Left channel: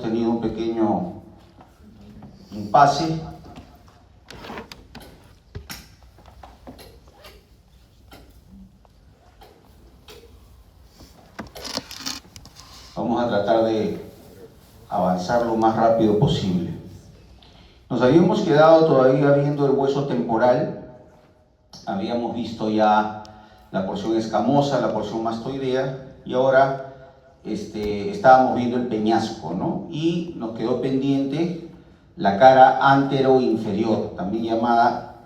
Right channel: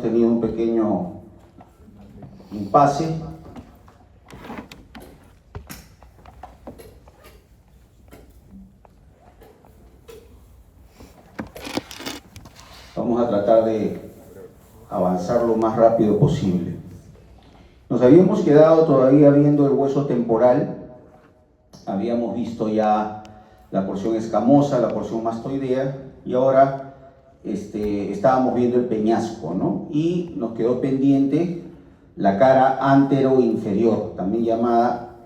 hemos tenido un pequeño impasse. Vamos a tratar de avanzar lo más rápido posible. Nos habíamos quedado todavía viendo el hueso temporal. Habíamos visto ya la porción escamosa, la porción mastoidea, y ahora estábamos viendo el peñasco, ¿no? Y nos quedó pendiente la cara antero-inferior, también llamada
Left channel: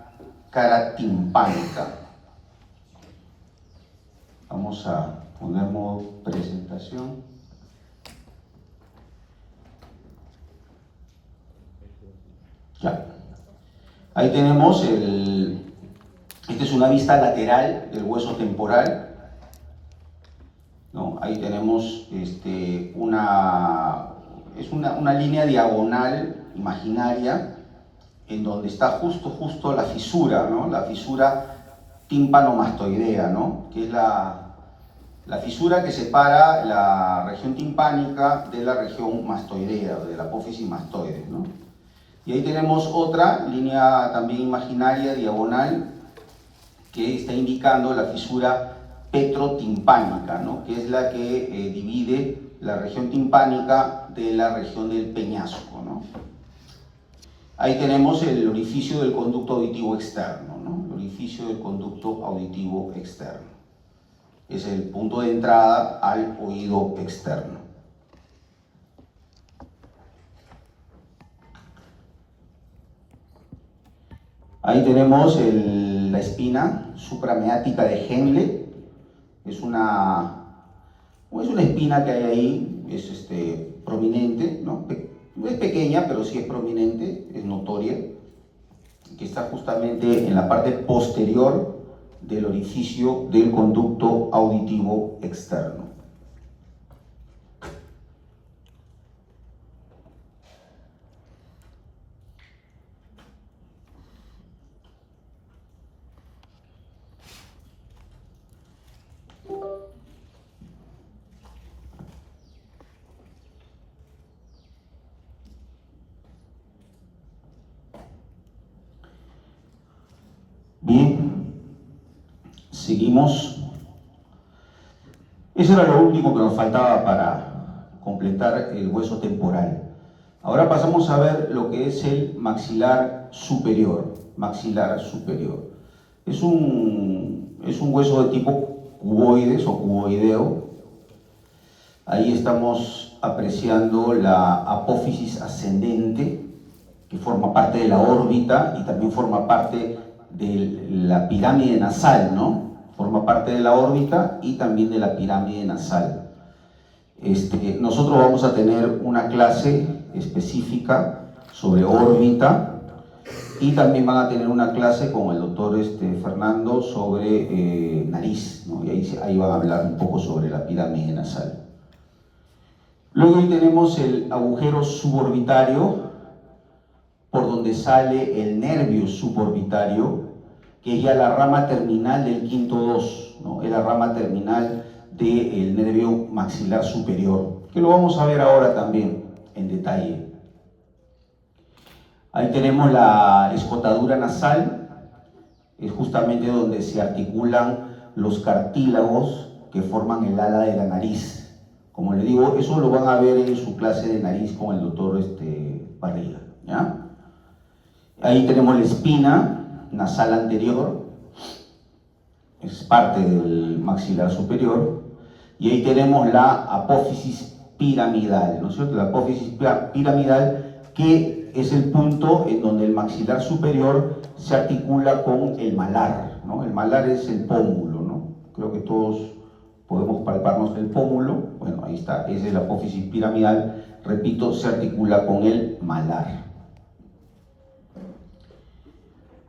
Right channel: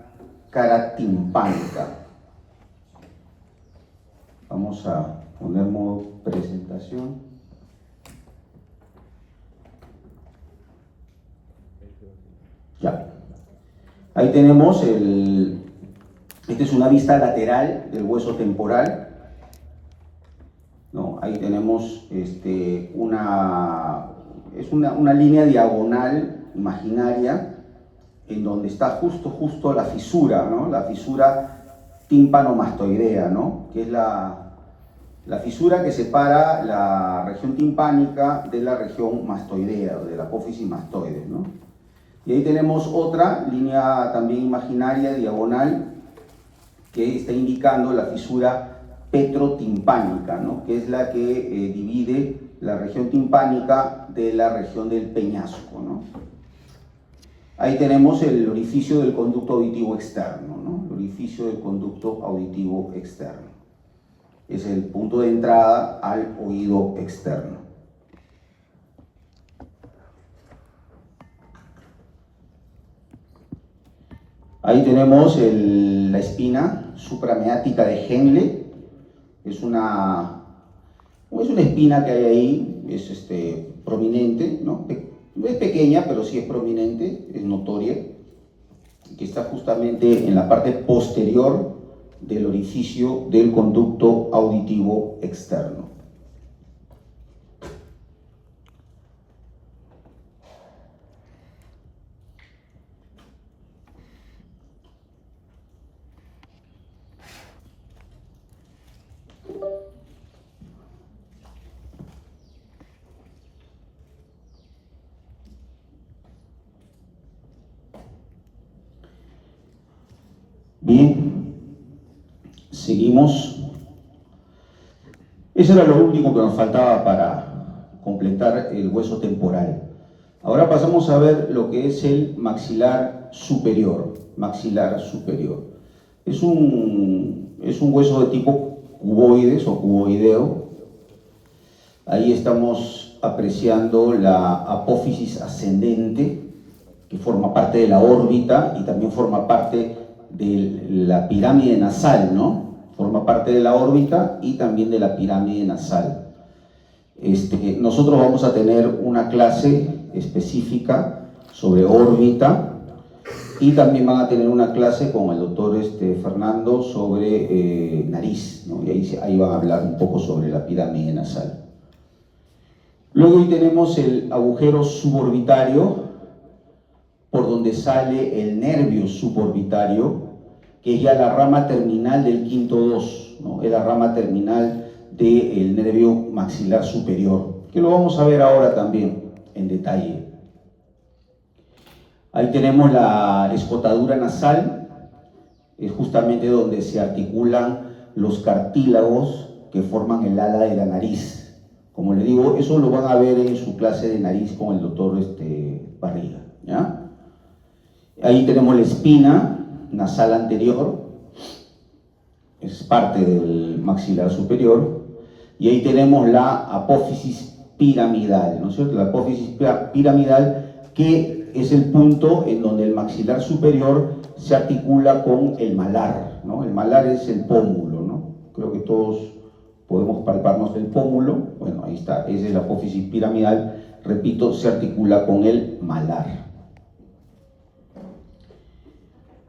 cara timpánica. Vamos a poner modo presentación. Ya. Ahí tenemos esta es una vista lateral del hueso temporal, ¿no? Ahí tenemos una línea diagonal imaginaria en donde está justo la fisura, ¿no? La fisura tímpano-mastoidea, ¿no? Que es la fisura que separa la región timpánica de la región mastoidea, o de la apófisis mastoide, ¿no? Y ahí tenemos otra línea también imaginaria, diagonal, que está indicando la fisura petrotimpánica, ¿no? Que es la que divide la región timpánica de la región del peñasco, ¿no? Ahí tenemos el orificio del conducto auditivo externo, ¿no? El orificio del conducto auditivo externo. Es el punto de entrada al oído externo. Ahí tenemos la espina suprameática de Henle. Es una espina que hay ahí, es prominente, ¿no? Es pequeña, pero sí es prominente, es notoria, que está justamente en la parte posterior del orificio del conducto auditivo externo. Bien, seguimos. Eso era lo último que nos faltaba para completar el hueso temporal. Ahora pasamos a ver lo que es el maxilar superior. Maxilar superior. Es un hueso de tipo cuboides o cuboideo. Ahí estamos apreciando la apófisis ascendente, que forma parte de la órbita y también forma parte de la pirámide nasal, ¿no? Forma parte de la órbita y también de la pirámide nasal. Nosotros vamos a tener una clase específica sobre órbita y también van a tener una clase con el doctor Fernando sobre nariz, ¿no? Y ahí van a hablar un poco sobre la pirámide nasal. Luego ahí tenemos el agujero suborbitario, por donde sale el nervio suborbitario, que es ya la rama terminal del quinto 2, ¿no? Es la rama terminal del nervio maxilar superior, que lo vamos a ver ahora también en detalle. Ahí tenemos la escotadura nasal, es justamente donde se articulan los cartílagos que forman el ala de la nariz. Como le digo, eso lo van a ver en su clase de nariz con el doctor Barriga, ¿ya? Ahí tenemos la espina nasal anterior, es parte del maxilar superior, y ahí tenemos la apófisis piramidal, ¿no es cierto? La apófisis piramidal, que es el punto en donde el maxilar superior se articula con el malar, ¿no? El malar es el pómulo, ¿no? Creo que todos podemos palparnos el pómulo. Bueno, ahí está, esa es la apófisis piramidal, repito, se articula con el malar.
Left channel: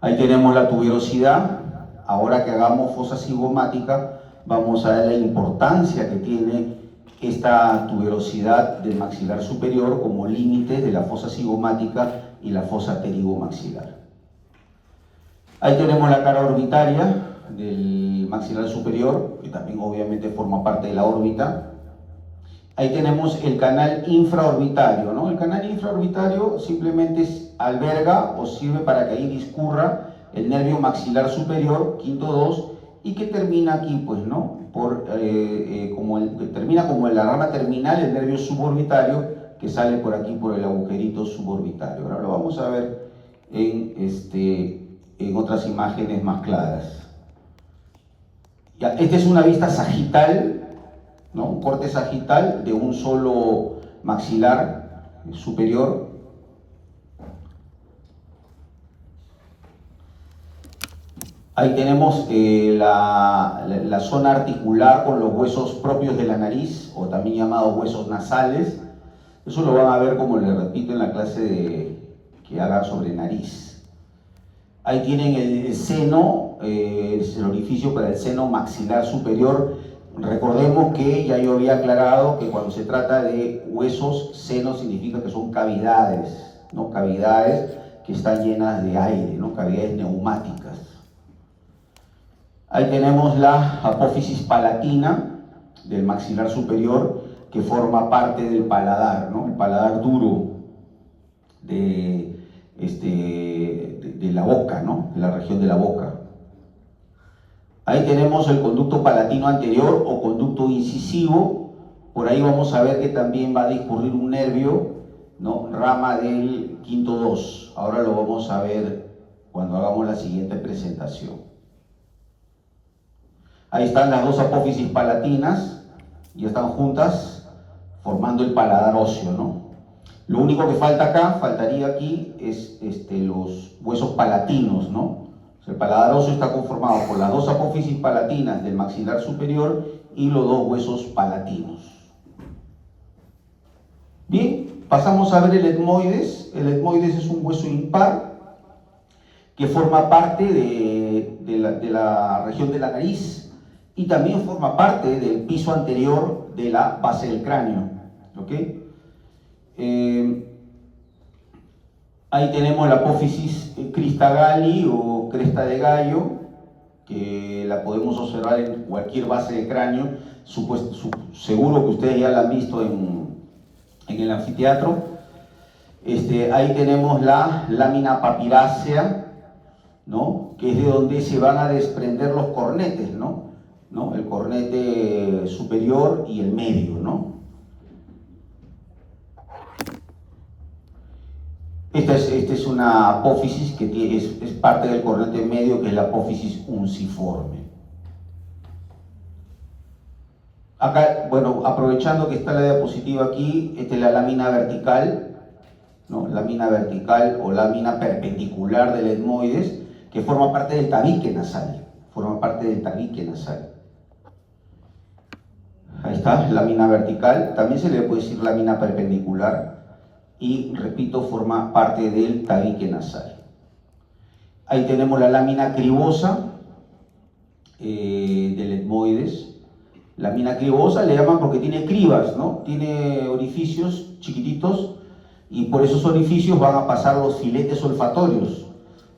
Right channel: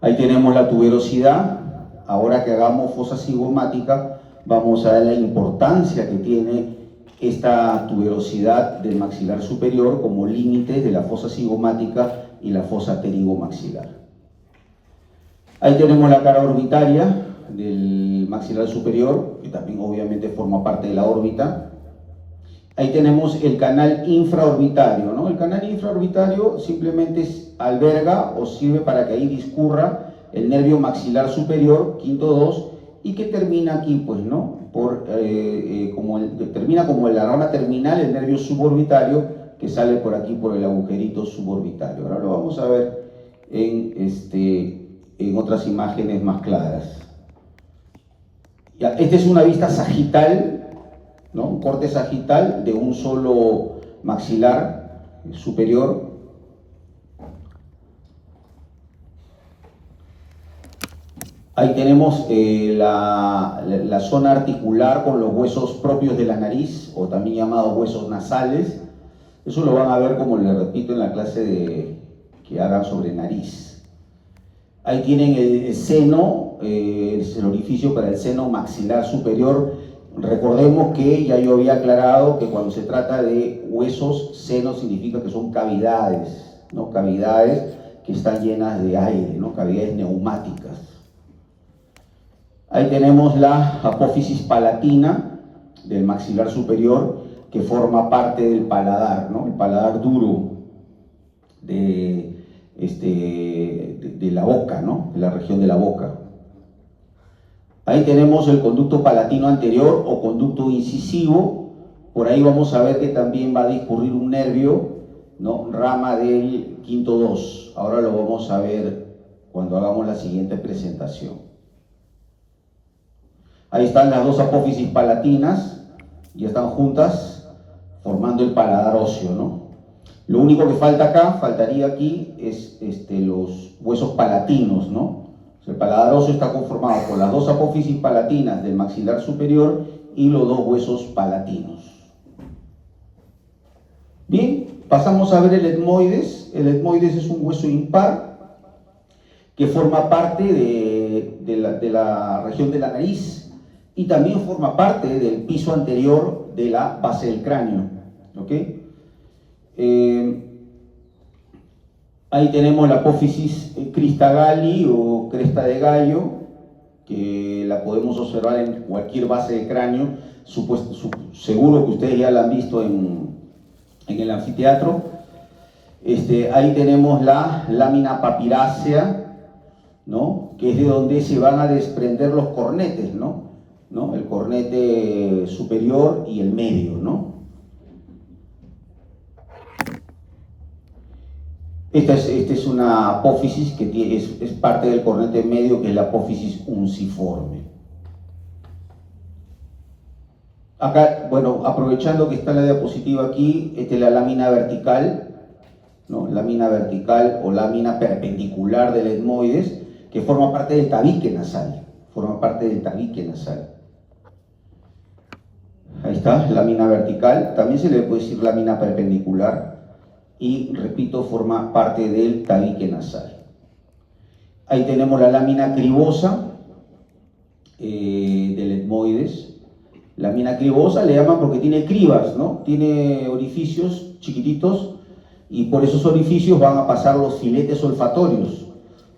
Ahí tenemos la tuberosidad. Ahora que hagamos fosa cigomática, vamos a ver la importancia que tiene esta tuberosidad del maxilar superior como límites de la fosa cigomática y la fosa pterigomaxilar. Ahí tenemos la cara orbitaria del maxilar superior, que también obviamente forma parte de la órbita. Ahí tenemos el canal infraorbitario, ¿no? El canal infraorbitario simplemente alberga o sirve para que ahí discurra el nervio maxilar superior, quinto 2, y que termina aquí, pues, ¿no? Termina como la rama terminal, el nervio suborbitario, que sale por aquí, por el agujerito suborbitario. Ahora lo vamos a ver en otras imágenes más claras. Ya, esta es una vista sagital, ¿no? Un corte sagital de un solo maxilar superior. Ahí tenemos la zona articular con los huesos propios de la nariz, o también llamados huesos nasales. Eso lo van a ver, como les repito, en la clase que haga sobre nariz. Ahí tienen el seno, es el orificio para el seno maxilar superior. Recordemos que ya yo había aclarado que cuando se trata de huesos, seno significa que son cavidades, ¿no? Cavidades que están llenas de aire, ¿no? Cavidades neumáticas. Ahí tenemos la apófisis palatina del maxilar superior, que forma parte del paladar, ¿no? El paladar duro de la boca, ¿no? De la región de la boca. Ahí tenemos el conducto palatino anterior o conducto incisivo. Por ahí vamos a ver que también va a discurrir un nervio, ¿no? Rama del quinto 2. Ahora lo vamos a ver cuando hagamos la siguiente presentación. Ahí están las dos apófisis palatinas, ya están juntas, formando el paladar óseo, ¿no? Lo único que faltaría aquí, es los huesos palatinos, ¿no? O sea, el paladar óseo está conformado por las dos apófisis palatinas del maxilar superior y los dos huesos palatinos. Bien, pasamos a ver el etmoides. El etmoides es un hueso impar que forma parte de la región de la nariz, y también forma parte del piso anterior de la base del cráneo. ¿Ok? Ahí tenemos la apófisis cristagalli o cresta de gallo, que la podemos observar en cualquier base de cráneo. Seguro que ustedes ya la han visto en el anfiteatro. Ahí tenemos la lámina papirácea, ¿no? Que es de donde se van a desprender los cornetes, ¿no? El cornete superior y el medio, ¿no? Esta es una apófisis que es parte del cornete medio, que es la apófisis unciforme. Acá, bueno, aprovechando que está la diapositiva aquí, esta es la lámina vertical, ¿no? Lámina vertical o lámina perpendicular del etmoides, que forma parte del tabique nasal. Forma parte del tabique nasal. Ahí está, lámina vertical. También se le puede decir lámina perpendicular. Y, repito, forma parte del tabique nasal. Ahí tenemos la lámina cribosa del etmoides. Lámina cribosa le llaman porque tiene cribas, ¿no? Tiene orificios chiquititos, y por esos orificios van a pasar los filetes olfatorios,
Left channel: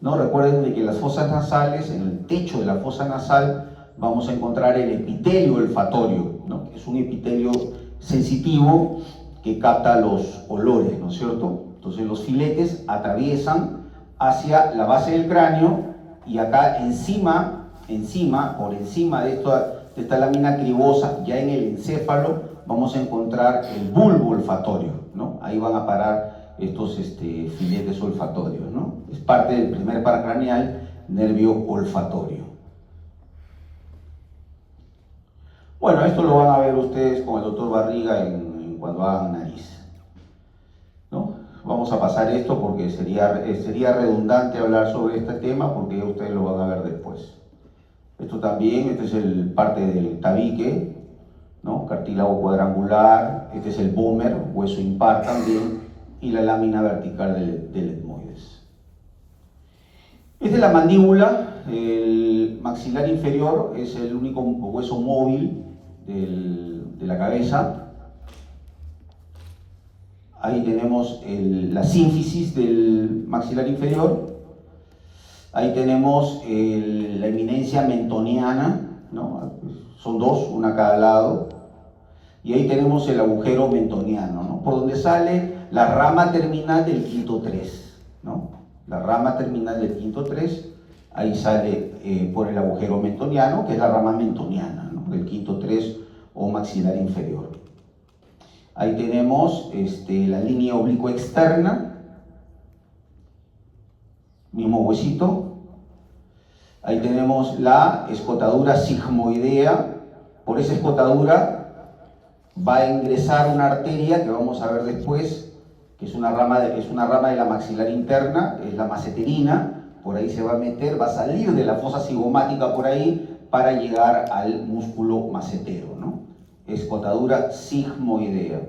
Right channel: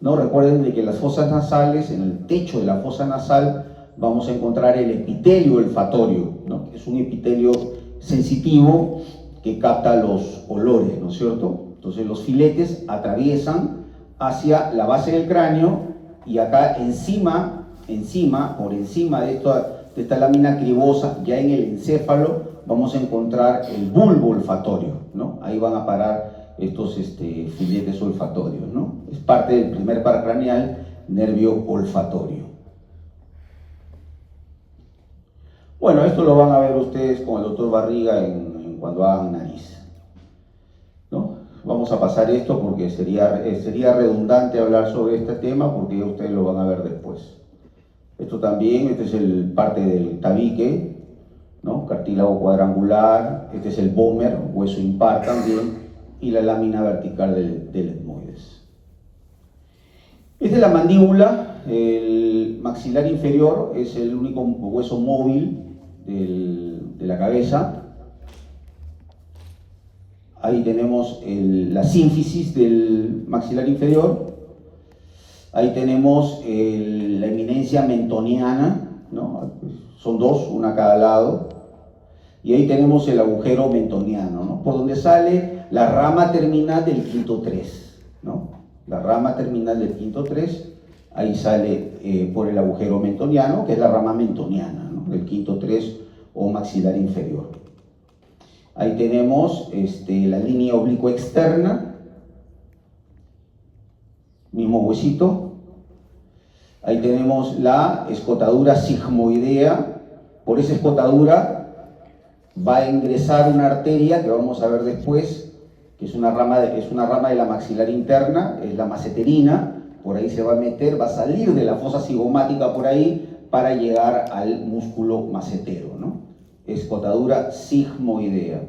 ¿no? Recuerden de que en las fosas nasales, en el techo de la fosa nasal, vamos a encontrar el epitelio olfatorio, ¿no? Es un epitelio sensitivo que capta los olores, ¿no es cierto? Entonces los filetes atraviesan hacia la base del cráneo, y acá por encima de esta lámina cribosa, ya en el encéfalo, vamos a encontrar el bulbo olfatorio, ¿no? Ahí van a parar estos filetes olfatorios, ¿no? Es parte del primer par craneal, nervio olfatorio. Bueno, esto lo van a ver ustedes con el doctor Barriga cuando hagan nariz, ¿no? Vamos a pasar esto porque sería redundante hablar sobre este tema, porque ustedes lo van a ver después. Esto también, este es parte del tabique, ¿no? Cartílago cuadrangular. Este es el vómer, hueso impar también, y la lámina vertical del etmoides. Esta es la mandíbula. El maxilar inferior es el único hueso móvil de la cabeza. Ahí tenemos la sínfisis del maxilar inferior. Ahí tenemos la eminencia mentoniana, ¿no? Son dos, una a cada lado. Y ahí tenemos el agujero mentoniano, ¿no? Por donde sale la rama terminal del quinto 3, ¿no? La rama terminal del quinto 3, ahí sale por el agujero mentoniano, que es la rama mentoniana, ¿no? Del quinto 3 o maxilar inferior. Ahí tenemos la línea oblicua externa, mismo huesito. Ahí tenemos la escotadura sigmoidea. Por esa escotadura va a ingresar una arteria que vamos a ver después, que es una rama de la maxilar interna, es la maceterina. Por ahí se va a meter, va a salir de la fosa cigomática por ahí para llegar al músculo macetero, ¿no? Escotadura sigmoidea.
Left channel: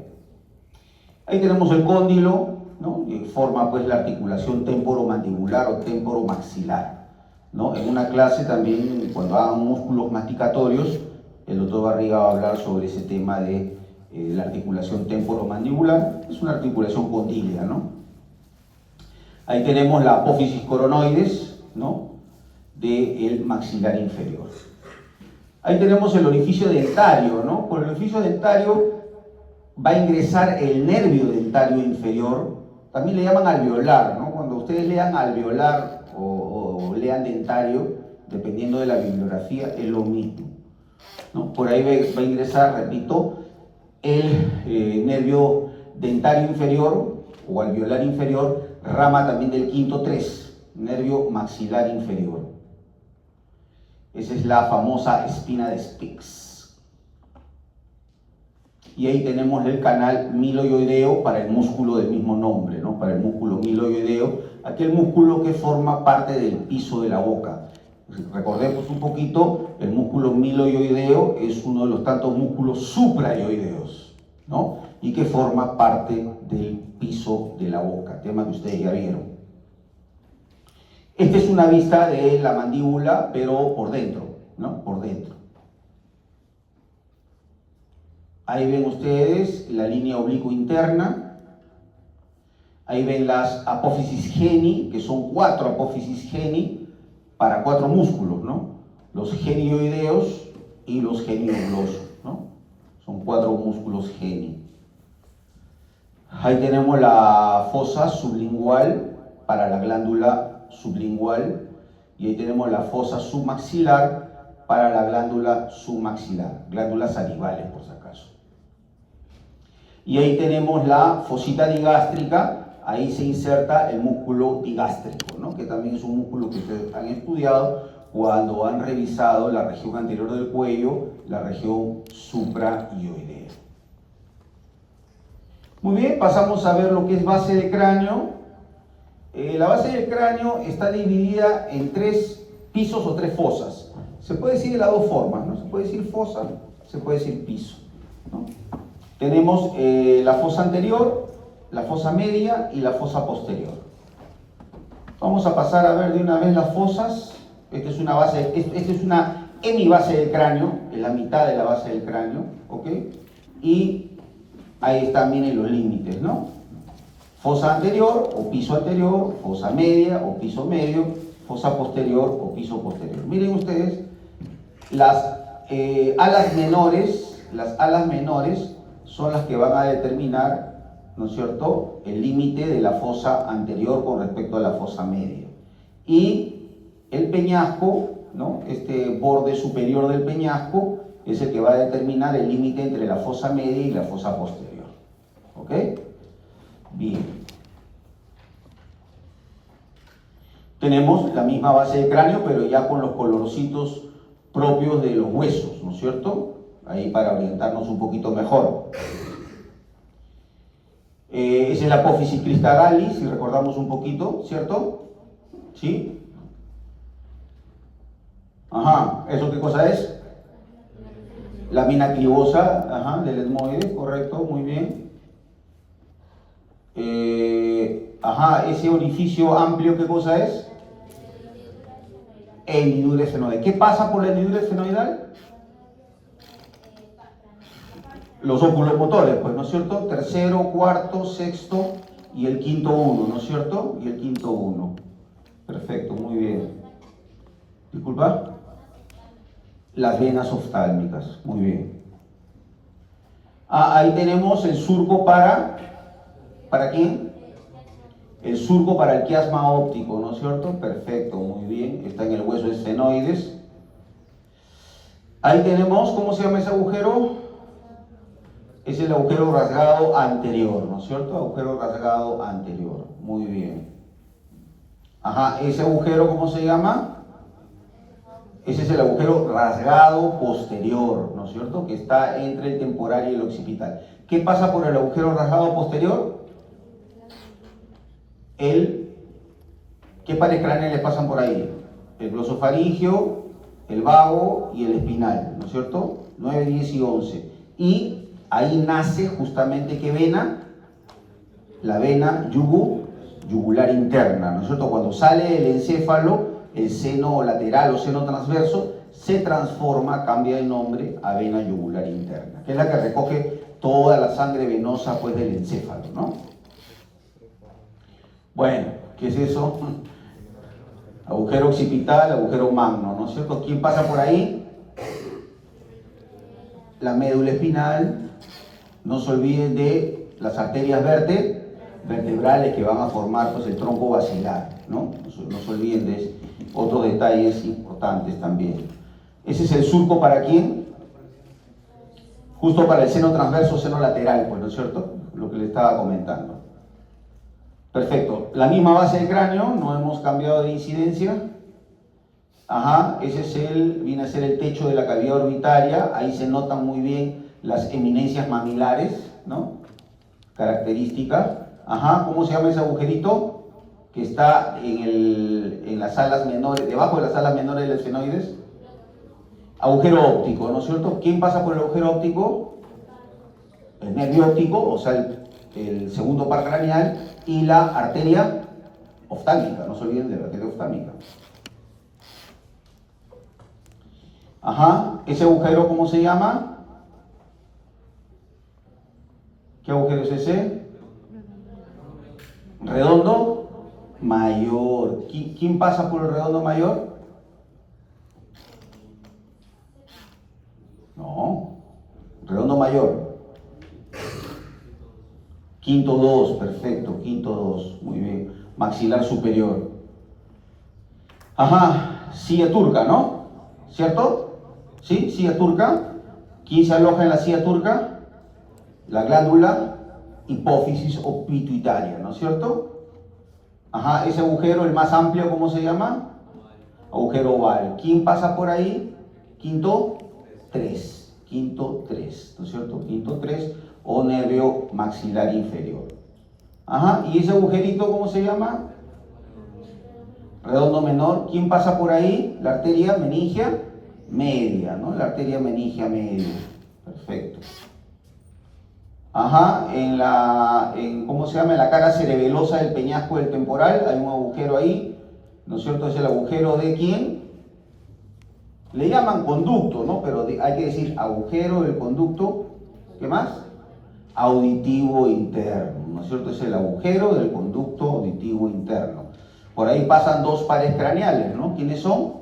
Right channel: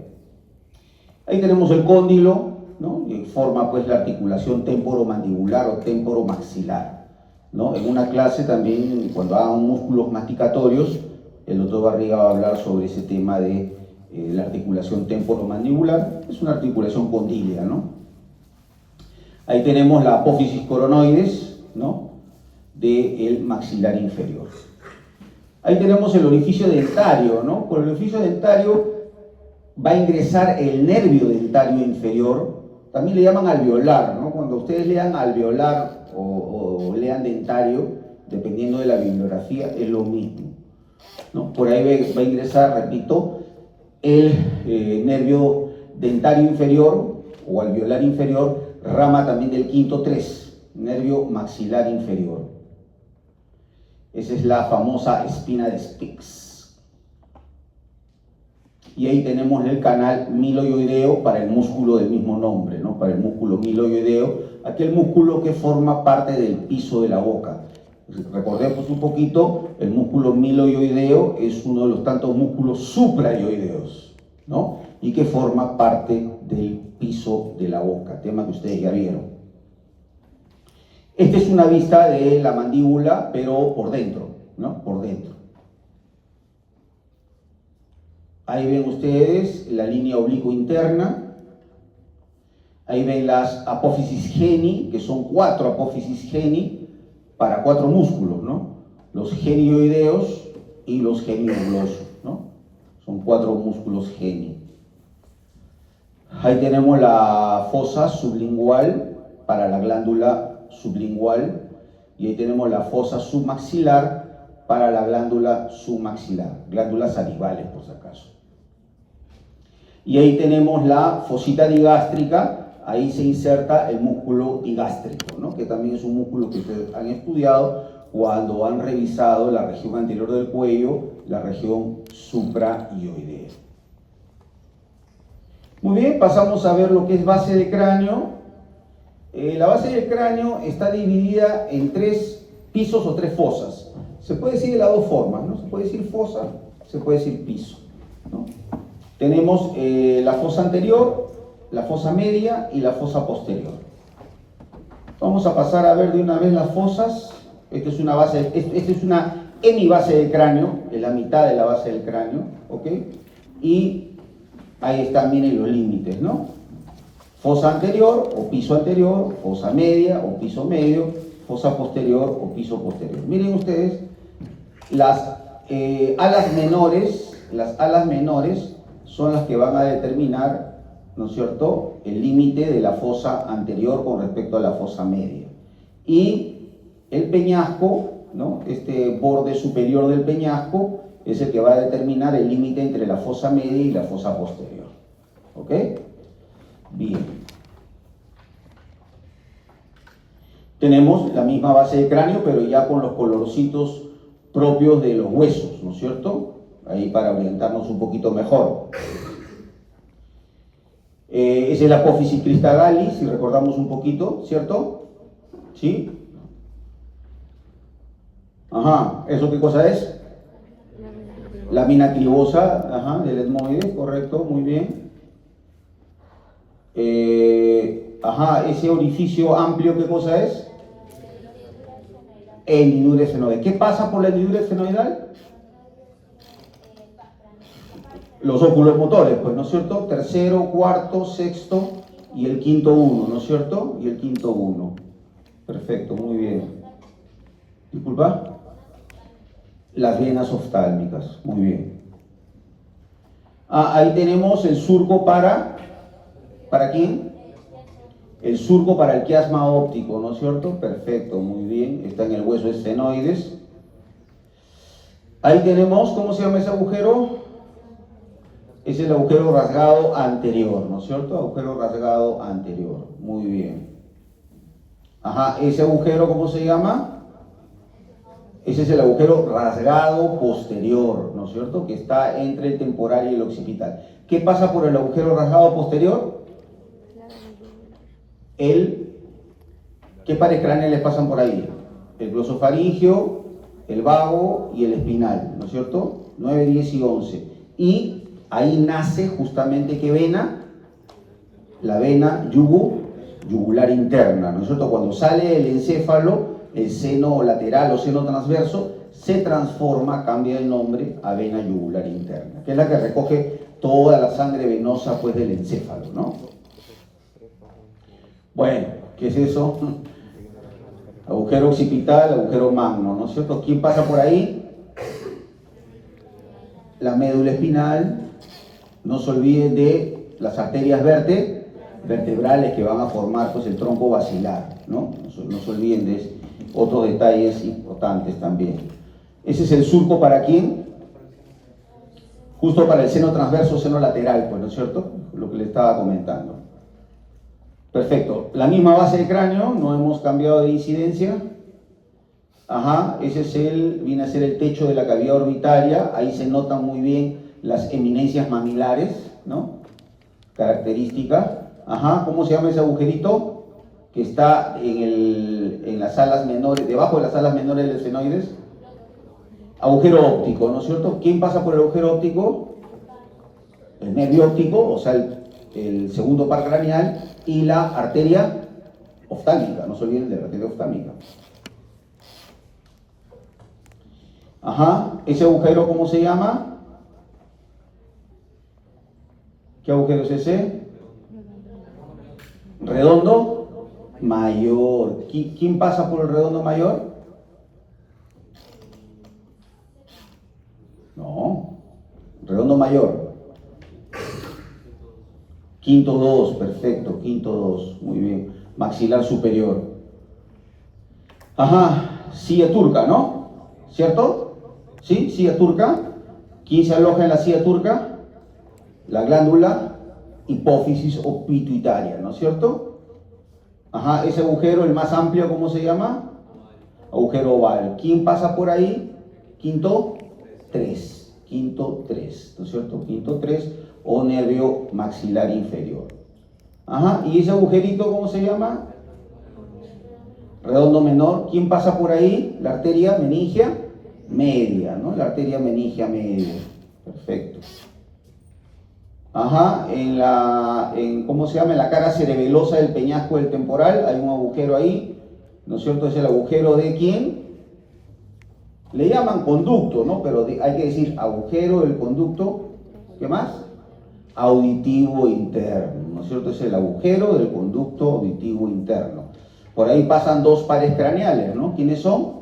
Ahí tenemos el cóndilo, ¿no? Y forma pues la articulación temporomandibular o temporomaxilar, ¿no? En una clase también, cuando hagan músculos masticatorios, el doctor Barriga va a hablar sobre ese tema de la articulación temporomandibular. Es una articulación condílea, ¿no? Ahí tenemos la apófisis coronoides, ¿no? Del maxilar inferior. Ahí tenemos el orificio dentario, ¿no? Por el orificio dentario va a ingresar el nervio dentario inferior. También le llaman alveolar, ¿no? Cuando ustedes lean alveolar o lean dentario, dependiendo de la bibliografía, es lo mismo, ¿no? Por ahí va a ingresar, repito, el nervio dentario inferior o alveolar inferior, rama también del quinto 3, nervio maxilar inferior. Esa es la famosa espina de Spix. Y ahí tenemos el canal miloioideo para el músculo del mismo nombre, ¿no? Para el músculo miloioideo, aquel músculo que forma parte del piso de la boca. Recordemos un poquito, el músculo miloioideo es uno de los tantos músculos supraioideos, ¿no? Y que forma parte del piso de la boca, tema que ustedes ya vieron. Esta es una vista de la mandíbula, pero por dentro, ¿no? Por dentro. Ahí ven ustedes la línea oblicua interna. Ahí ven las apófisis geni, que son 4 apófisis geni para 4 músculos, ¿no? Los genioideos y los genioglosos, ¿no? Son 4 músculos geni. Ahí tenemos la fosa sublingual para la glándula sublingual y ahí tenemos la fosa submaxilar para la glándula submaxilar, glándulas salivales por si acaso. Y ahí tenemos la fosita digástrica, ahí se inserta el músculo digástrico, ¿no? Que también es un músculo que ustedes han estudiado cuando han revisado la región anterior del cuello, la región supraioidea. Muy bien, pasamos a ver lo que es base de cráneo. La base del cráneo está dividida en 3 pisos o 3 fosas. Se puede decir de las 2 formas, ¿no? Se puede decir fosa, se puede decir piso, ¿no? Tenemos la fosa anterior, la fosa media y la fosa posterior. Vamos a pasar a ver de una vez las fosas. Esta es una hemibase del cráneo, es la mitad de la base del cráneo, ¿ok? Y ahí están, miren los límites, ¿no? Fosa anterior o piso anterior, fosa media o piso medio, fosa posterior o piso posterior. Miren ustedes, las alas menores son las que van a determinar, ¿no es cierto?, el límite de la fosa anterior con respecto a la fosa media. Y el peñasco, ¿no?, este borde superior del peñasco es el que va a determinar el límite entre la fosa media y la fosa posterior. ¿Ok? Bien. Tenemos la misma base de cráneo, pero ya con los colorcitos propios de los huesos, ¿no es cierto? Ahí para orientarnos un poquito mejor. Esa es la apófisis cristalalis, si recordamos un poquito, ¿cierto? ¿Sí? Ajá, ¿eso qué cosa es? Lámina clivosa, ajá, del etmoide, correcto, muy bien. Ajá, ese orificio amplio, ¿qué cosa es? Hendidura esfenoidal. ¿Qué pasa por la hendidura esfenoidal? Los óculos motores, pues, ¿no es cierto? Tercero, cuarto, sexto y el quinto 1, ¿no es cierto? Y el quinto 1. Perfecto, muy bien. Disculpa. Las venas oftálmicas, muy bien. Ahí tenemos el surco ¿para quién? El surco para el quiasma óptico, ¿no es cierto? Perfecto, muy bien, está en el hueso esfenoides. Ahí tenemos, ¿cómo se llama ese agujero? Es el agujero rasgado anterior, ¿no es cierto? Agujero rasgado anterior, muy bien. Ese agujero, ¿cómo se llama? Ese es el agujero rasgado posterior, ¿no es cierto? Que está entre el temporal y el occipital. ¿Qué pasa por el agujero rasgado posterior? ¿Qué pares craneales pasan por ahí? El glosofaringio, el vago y el espinal, ¿no es cierto? 9, 10 y 11. Y ahí nace justamente ¿qué vena? La vena yugular interna, ¿no es cierto? Cuando sale el encéfalo, el seno lateral o seno transverso se transforma, cambia de nombre a vena yugular interna, que es la que recoge toda la sangre venosa pues del encéfalo, ¿no? Bueno, ¿qué es eso? Agujero occipital, agujero magno, ¿no es cierto? ¿Quién pasa por ahí? La médula espinal. No se olviden de las arterias vertebrales que van a formar pues el tronco basilar, ¿no? No se olviden de otros detalles importantes también. Ese es el surco ¿para quién? Justo para el seno transverso, seno lateral, pues, ¿no es cierto? Lo que le estaba comentando. Perfecto. La misma base del cráneo, no hemos cambiado de incidencia. Ese viene a ser el techo de la cavidad orbitaria. Ahí se notan muy bien las eminencias mamilares, ¿no? Característica. ¿Cómo se llama ese agujerito? Que está en las alas menores, debajo de las alas menores del esfenoides. Agujero óptico, ¿no es cierto? ¿Quién pasa por el agujero óptico? El nervio óptico, o sea, el segundo par craneal, y la arteria oftámica, no se olviden de la arteria oftámica. Ese agujero, ¿cómo se llama? ¿Qué agujero es ese? Redondo mayor. ¿Quién pasa por el redondo mayor? No. Redondo mayor. Quinto 2, perfecto. Quinto 2, muy bien. Maxilar superior. Silla turca, ¿no? ¿Cierto? ¿Sí? Silla turca. ¿Quién se aloja en la silla turca? La glándula hipófisis o pituitaria, ¿no es cierto? Ese agujero, el más amplio, ¿cómo se llama? Agujero oval. ¿Quién pasa por ahí? Quinto 3. Quinto 3, ¿no es cierto? Quinto 3 o nervio maxilar inferior. ¿Y ese agujerito cómo se llama? Redondo menor. ¿Quién pasa por ahí? La arteria meningia media, ¿no? La arteria meningia media. Perfecto. ¿Cómo se llama? En la cara cerebelosa del peñasco del temporal hay un agujero ahí, ¿no es cierto? Es el agujero de ¿quién? Le llaman conducto, ¿no? Pero hay que decir agujero del conducto, ¿qué más? Auditivo interno, ¿no es cierto? Es el agujero del conducto auditivo interno. Por ahí pasan dos pares craneales, ¿no? ¿Quiénes son?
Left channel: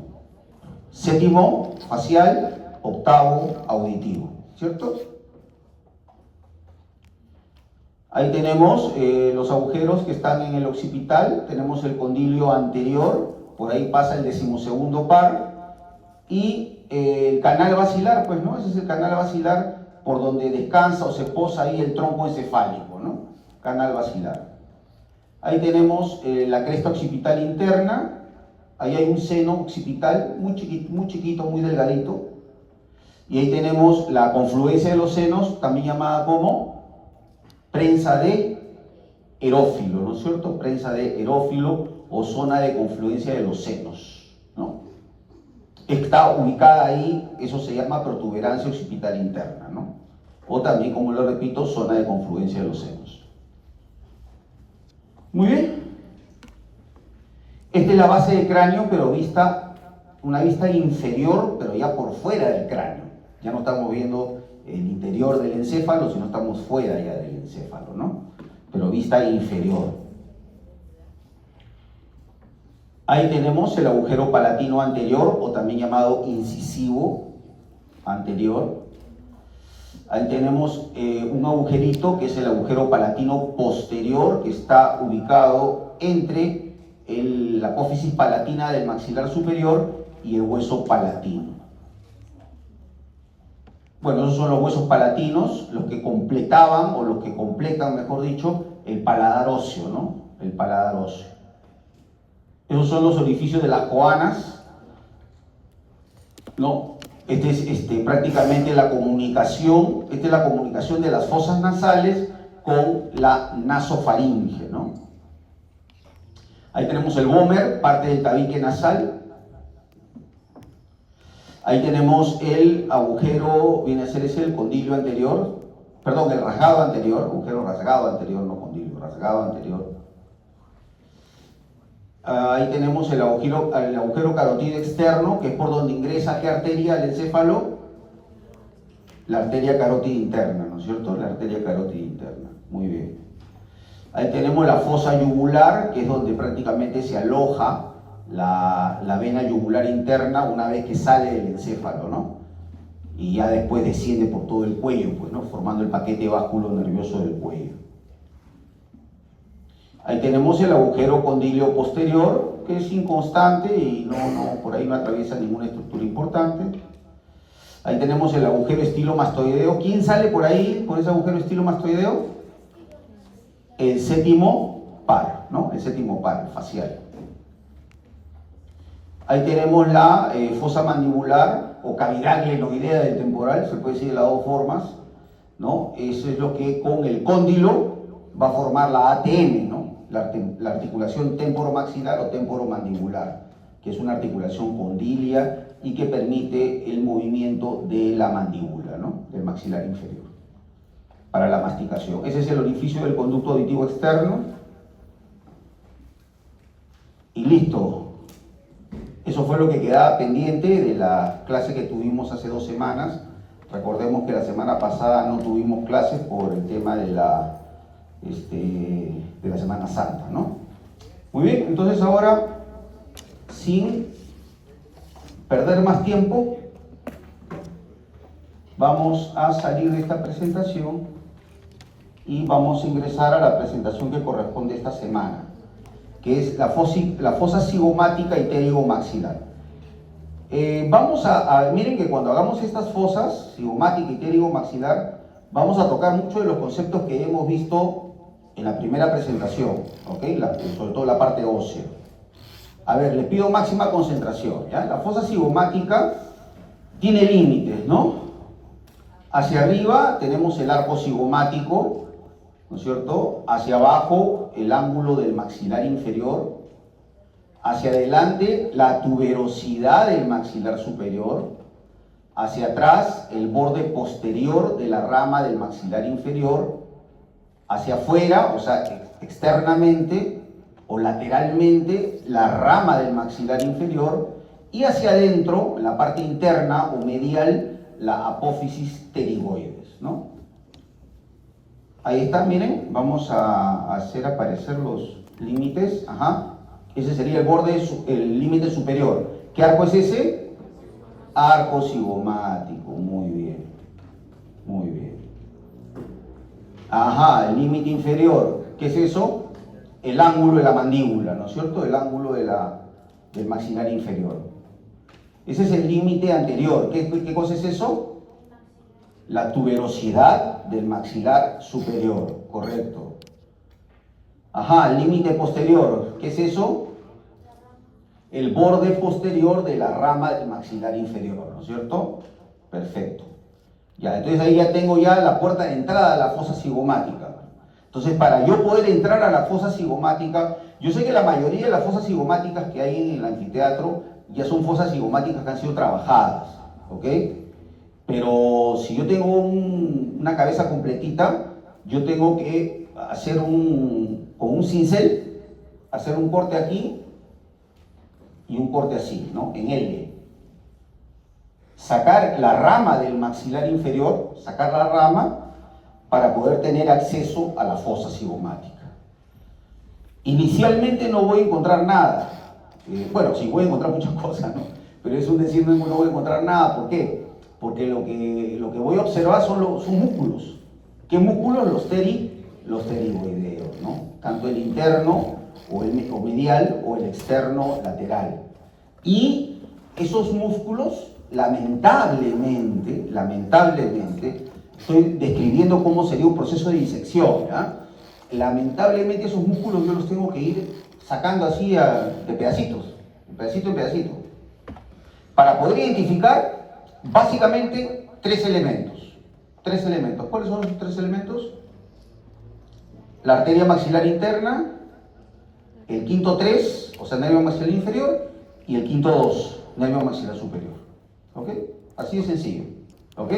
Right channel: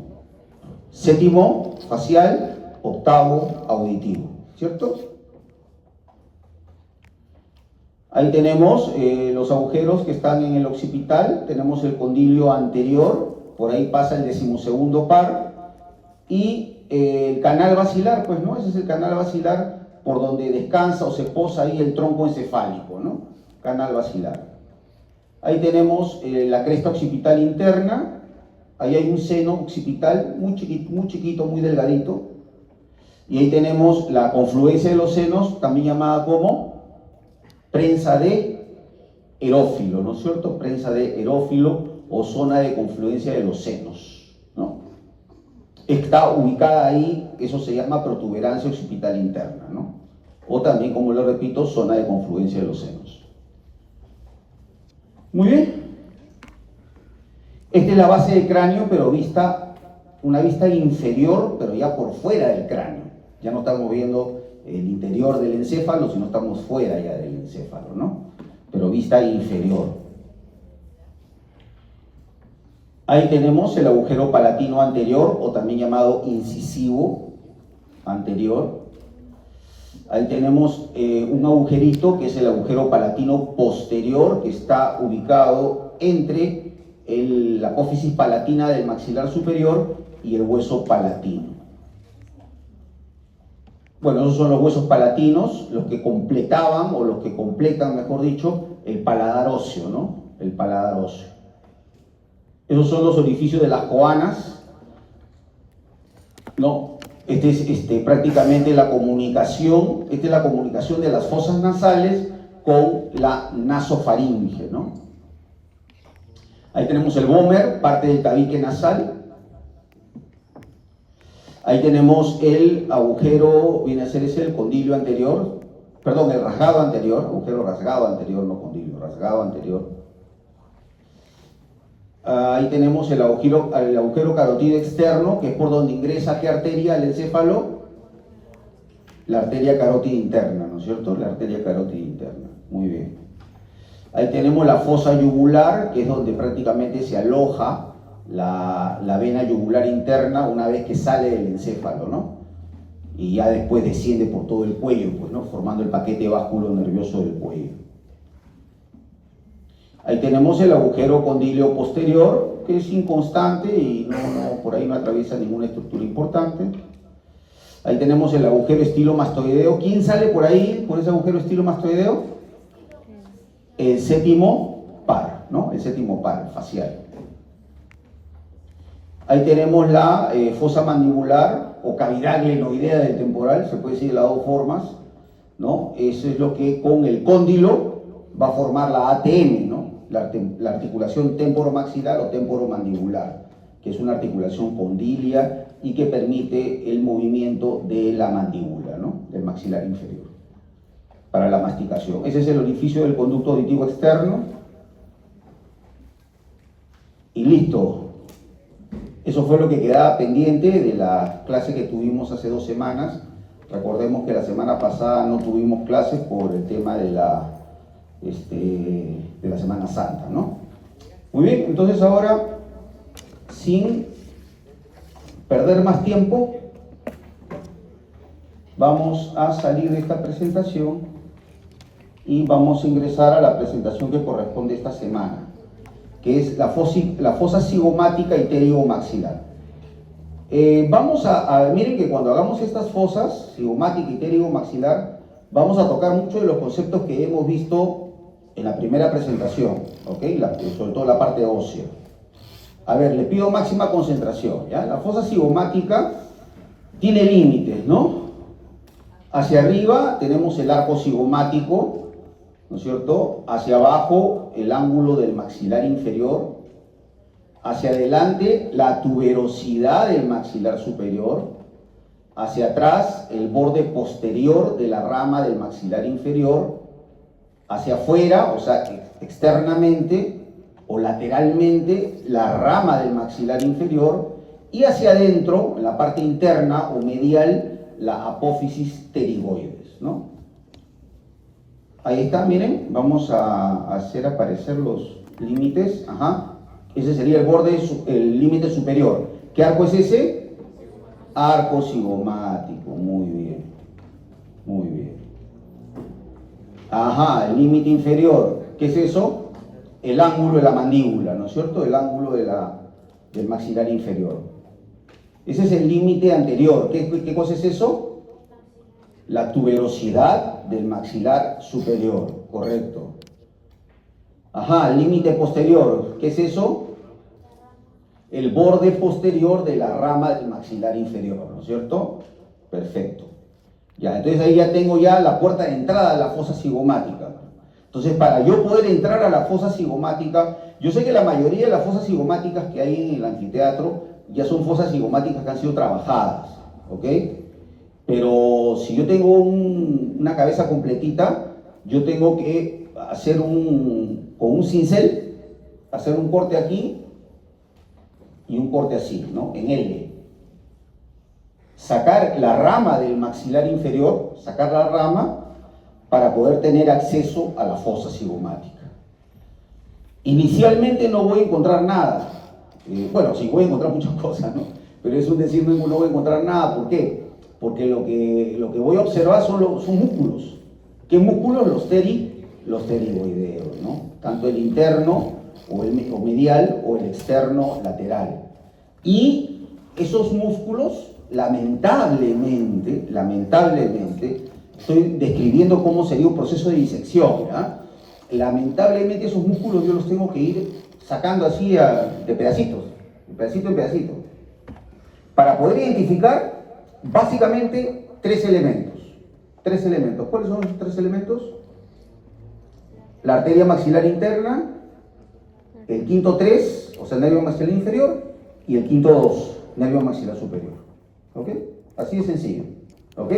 Séptimo facial, octavo auditivo, ¿cierto? Ahí tenemos los agujeros que están en el occipital, tenemos el condilio anterior, por ahí pasa el 12º par, y el canal basilar, pues, ¿no? Ese es el canal basilar por donde descansa o se posa ahí el tronco encefálico, ¿no? Canal basilar. Ahí tenemos la cresta occipital interna, ahí hay un seno occipital muy chiquito, muy delgadito, y ahí tenemos la confluencia de los senos, también llamada como prensa de erófilo, ¿no es cierto? Prensa de erófilo o zona de confluencia de los senos, ¿no? Está ubicada ahí, eso se llama protuberancia occipital interna, ¿no? O también, como lo repito, zona de confluencia de los senos. Muy bien. Esta es la base del cráneo, pero una vista inferior, pero ya por fuera del cráneo. Ya no estamos viendo el interior del encéfalo, sino estamos fuera ya del encéfalo, ¿no? Pero vista inferior. Ahí tenemos el agujero palatino anterior, o también llamado incisivo anterior. Ahí tenemos un agujerito que es el agujero palatino posterior, que está ubicado entre la apófisis palatina del maxilar superior y el hueso palatino. Bueno, esos son los huesos palatinos, los que completaban, o los que completan, mejor dicho, el paladar óseo, ¿no? El paladar óseo. Esos son los orificios de las coanas, ¿no? Esta es prácticamente la comunicación, esta es la comunicación de las fosas nasales con la nasofaringe, ¿no? Ahí tenemos el vómer, parte del tabique nasal. Ahí tenemos el agujero, viene a ser ese el condilio anterior, perdón, el rasgado anterior, agujero rasgado anterior, no condilio, rasgado anterior. Ahí tenemos el agujero carotido externo, que es por donde ingresa qué arteria al encéfalo, la arteria carótida interna, ¿no es cierto? La arteria carótida interna, muy bien. Ahí tenemos la fosa yugular, que es donde prácticamente se aloja la vena yugular interna una vez que sale del encéfalo, ¿no? Y ya después desciende por todo el cuello, pues, ¿no? Formando el paquete vasculo nervioso del cuello. Ahí tenemos el agujero condilio posterior, que es inconstante y por ahí no atraviesa ninguna estructura importante. Ahí tenemos el agujero estilomastoideo. ¿Quién sale por ahí, por ese agujero estilomastoideo? El séptimo par, ¿no? El séptimo par facial. Ahí tenemos la fosa mandibular o cavidad glenoidea del temporal, se puede decir de las dos formas, ¿no? Eso es lo que con el cóndilo va a formar la ATM, ¿no? La articulación temporomaxilar o temporomandibular, que es una articulación condilia y que permite el movimiento de la mandíbula, ¿no? Del maxilar inferior, para la masticación. Ese es el orificio del conducto auditivo externo. Y listo. Eso fue lo que quedaba pendiente de la clase que tuvimos hace 2 semanas. Recordemos que la semana pasada no tuvimos clases por el tema de la Semana Santa, ¿no? Muy bien, entonces ahora, sin perder más tiempo, vamos a salir de esta presentación y vamos a ingresar a la presentación que corresponde esta semana, que es la fosa cigomática y pterigomaxilar. Miren que cuando hagamos estas fosas, cigomática y pterigomaxilar, vamos a tocar mucho de los conceptos que hemos visto en la primera presentación, ¿ok? Sobre todo la parte ósea. A ver, les pido máxima concentración, ¿ya? La fosa cigomática tiene límites, ¿no? Hacia arriba tenemos el arco cigomático, ¿no es cierto? Hacia abajo el ángulo del maxilar inferior, hacia adelante la tuberosidad del maxilar superior, hacia atrás el borde posterior de la rama del maxilar inferior, hacia afuera, o sea, externamente o lateralmente la rama del maxilar inferior, y hacia adentro, en la parte interna o medial, la apófisis pterigoides, ¿no? Ahí está, miren, vamos a hacer aparecer los límites. Ajá. Ese sería el límite superior. ¿Qué arco es ese? Arco cigomático, muy bien. Muy bien. Ajá, el límite inferior. ¿Qué es eso? El ángulo de la mandíbula, ¿no es cierto? El ángulo del maxilar inferior. Ese es el límite anterior. ¿Qué cosa es eso? La tuberosidad del maxilar superior, correcto. Ajá, el límite posterior, ¿qué es eso? El borde posterior de la rama del maxilar inferior, ¿no es cierto? Perfecto. Ya, entonces ahí ya tengo ya la puerta de entrada a la fosa cigomática. Entonces, para yo poder entrar a la fosa cigomática, yo sé que la mayoría de las fosas cigomáticas que hay en el anfiteatro ya son fosas cigomáticas que han sido trabajadas, ¿ok? Pero si yo tengo una cabeza completita, yo tengo que hacer con un cincel, hacer un corte aquí y un corte así, ¿no? En L. Sacar la rama del maxilar inferior, sacar la rama para poder tener acceso a la fosa cigomática. Inicialmente no voy a encontrar nada. Bueno, sí, voy a encontrar muchas cosas, ¿no? Pero es un decir, no voy a encontrar nada. ¿Por qué? porque lo que voy a observar son músculos. ¿Qué músculos? Los pterigoideos, ¿no? Tanto el interno o medial o el externo lateral. Y esos músculos, lamentablemente, estoy describiendo cómo sería un proceso de disección, ¿ya? Lamentablemente esos músculos yo los tengo que ir sacando así de pedacitos, de pedacito en pedacito, para poder identificar básicamente tres elementos. ¿Cuáles son los tres elementos? La arteria maxilar interna, el quinto 3, o sea, nervio maxilar inferior, y el quinto 2, nervio maxilar superior. ¿Ok? Así de sencillo. ¿Ok?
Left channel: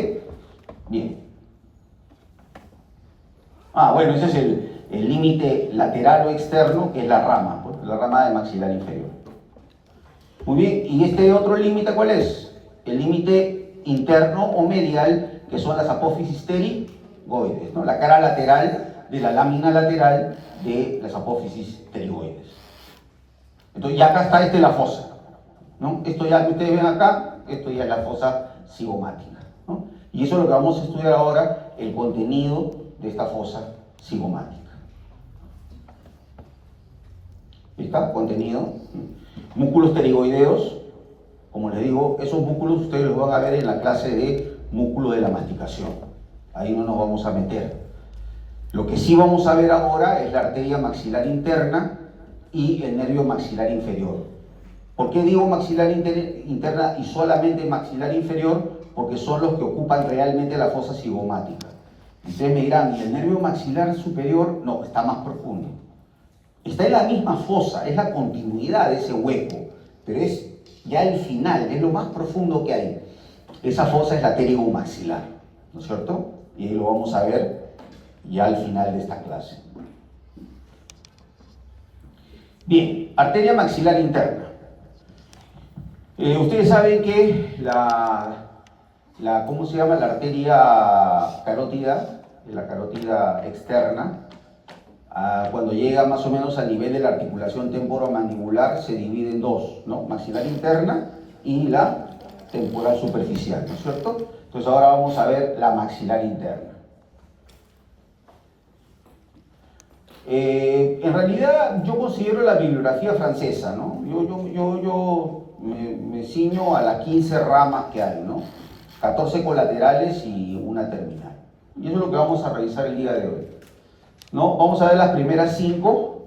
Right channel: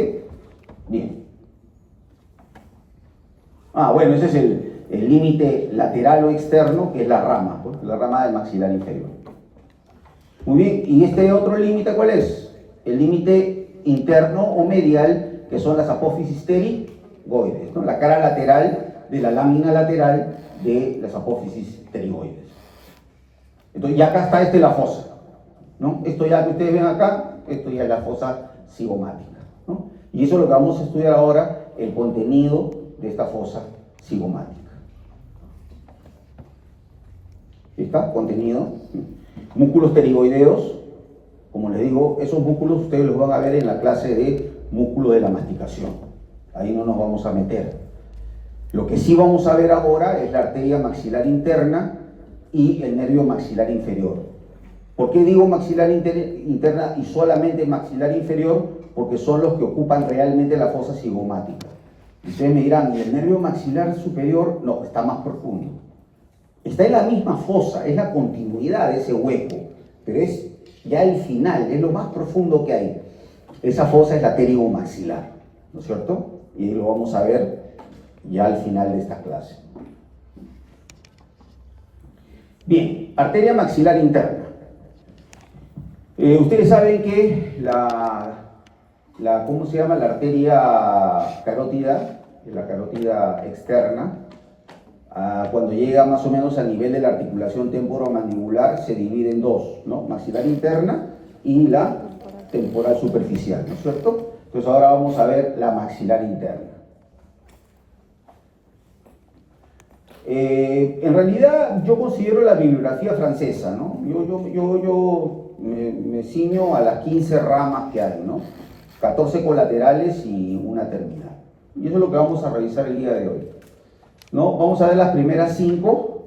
Bien. Bueno, ese es el límite lateral o externo, que es la rama, pues, la rama del maxilar inferior. Muy bien, ¿y este otro límite cuál es? El límite interno o medial, que son las apófisis pterigoides, ¿no? La cara lateral de la lámina lateral de las apófisis pterigoides. Entonces ya acá está la fosa, ¿no? Esto ya que ustedes ven acá, esto ya es la fosa cigomática, ¿no? Y eso es lo que vamos a estudiar ahora, el contenido de esta fosa cigomática. ¿Está? Contenido. Músculos pterigoideos, como les digo, esos músculos ustedes los van a ver en la clase de músculo de la masticación. Ahí no nos vamos a meter. Lo que sí vamos a ver ahora es la arteria maxilar interna y el nervio maxilar inferior. ¿Por qué digo maxilar interna y solamente maxilar inferior? Porque son los que ocupan realmente la fosa cigomática. Ustedes me dirán, ¿y el nervio maxilar superior? No, está más profundo. Está en la misma fosa, es la continuidad de ese hueco, pero es ya el final, es lo más profundo que hay. Esa fosa es la pterigomaxilar, ¿no es cierto? Y lo vamos a ver ya al final de esta clase. Bien, arteria maxilar interna. Ustedes saben que ¿cómo se llama? La arteria carótida, la carótida externa, cuando llega más o menos al nivel de la articulación temporomandibular, se divide en dos, ¿no? Maxilar interna y la temporal superficial, ¿no es cierto? Entonces ahora vamos a ver la maxilar interna. En realidad yo considero la bibliografía francesa, ¿no? Yo me ciño a las 15 ramas que hay, ¿no? 14 colaterales y una terminal. Y eso es lo que vamos a revisar el día de hoy, ¿no? Vamos a ver las primeras 5,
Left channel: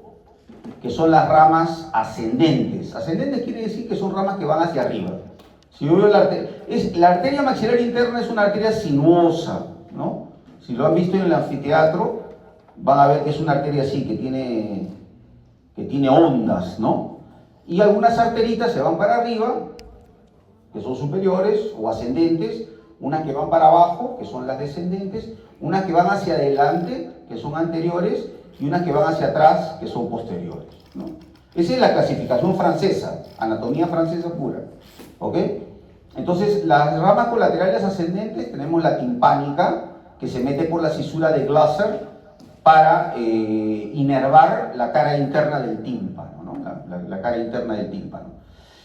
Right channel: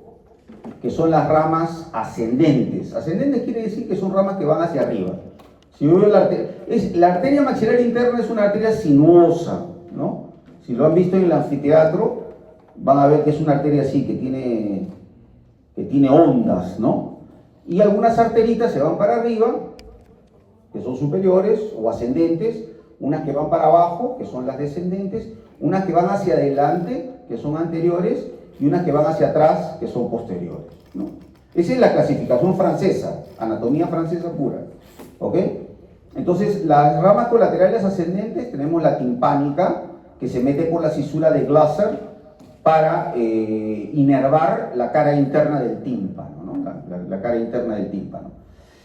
que son las ramas ascendentes. Ascendentes quiere decir que son ramas que van hacia arriba. Si yo veo la arteria maxilar interna es una arteria sinuosa, ¿no? Si lo han visto en el anfiteatro, van a ver que es una arteria así, que tiene ondas, ¿no? Y algunas arteritas se van para arriba, que son superiores o ascendentes, unas que van para abajo, que son las descendentes, unas que van hacia adelante, que son anteriores, y unas que van hacia atrás, que son posteriores, ¿no? Esa es la clasificación francesa, anatomía francesa pura, ¿ok? Entonces, las ramas colaterales ascendentes, tenemos la timpánica, que se mete por la cisura de Glasser para inervar la cara interna del tímpano, ¿no? La cara interna del tímpano.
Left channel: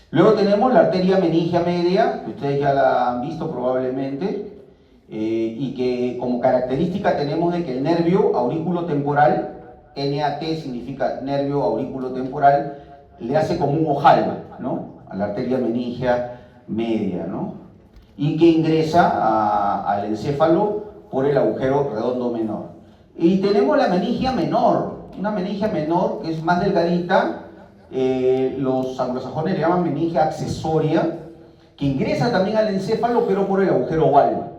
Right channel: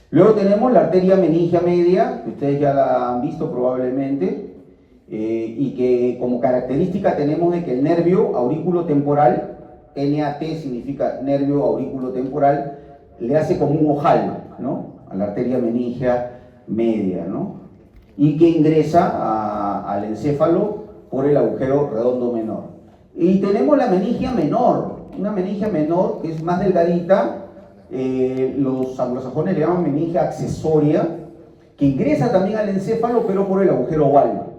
Luego tenemos la arteria meningia media, que ustedes ya la han visto probablemente, y que como característica tenemos de que el nervio aurículo-temporal, NAT significa nervio aurículo-temporal, le hace como un ojal, ¿no? A la arteria meningia media, ¿no? Y que ingresa al encéfalo por el agujero redondo menor. Y tenemos la meningia menor, una meningia menor que es más delgadita, los anglosajones le llaman meningia accesoria, que ingresa también al encéfalo, pero por el agujero oval,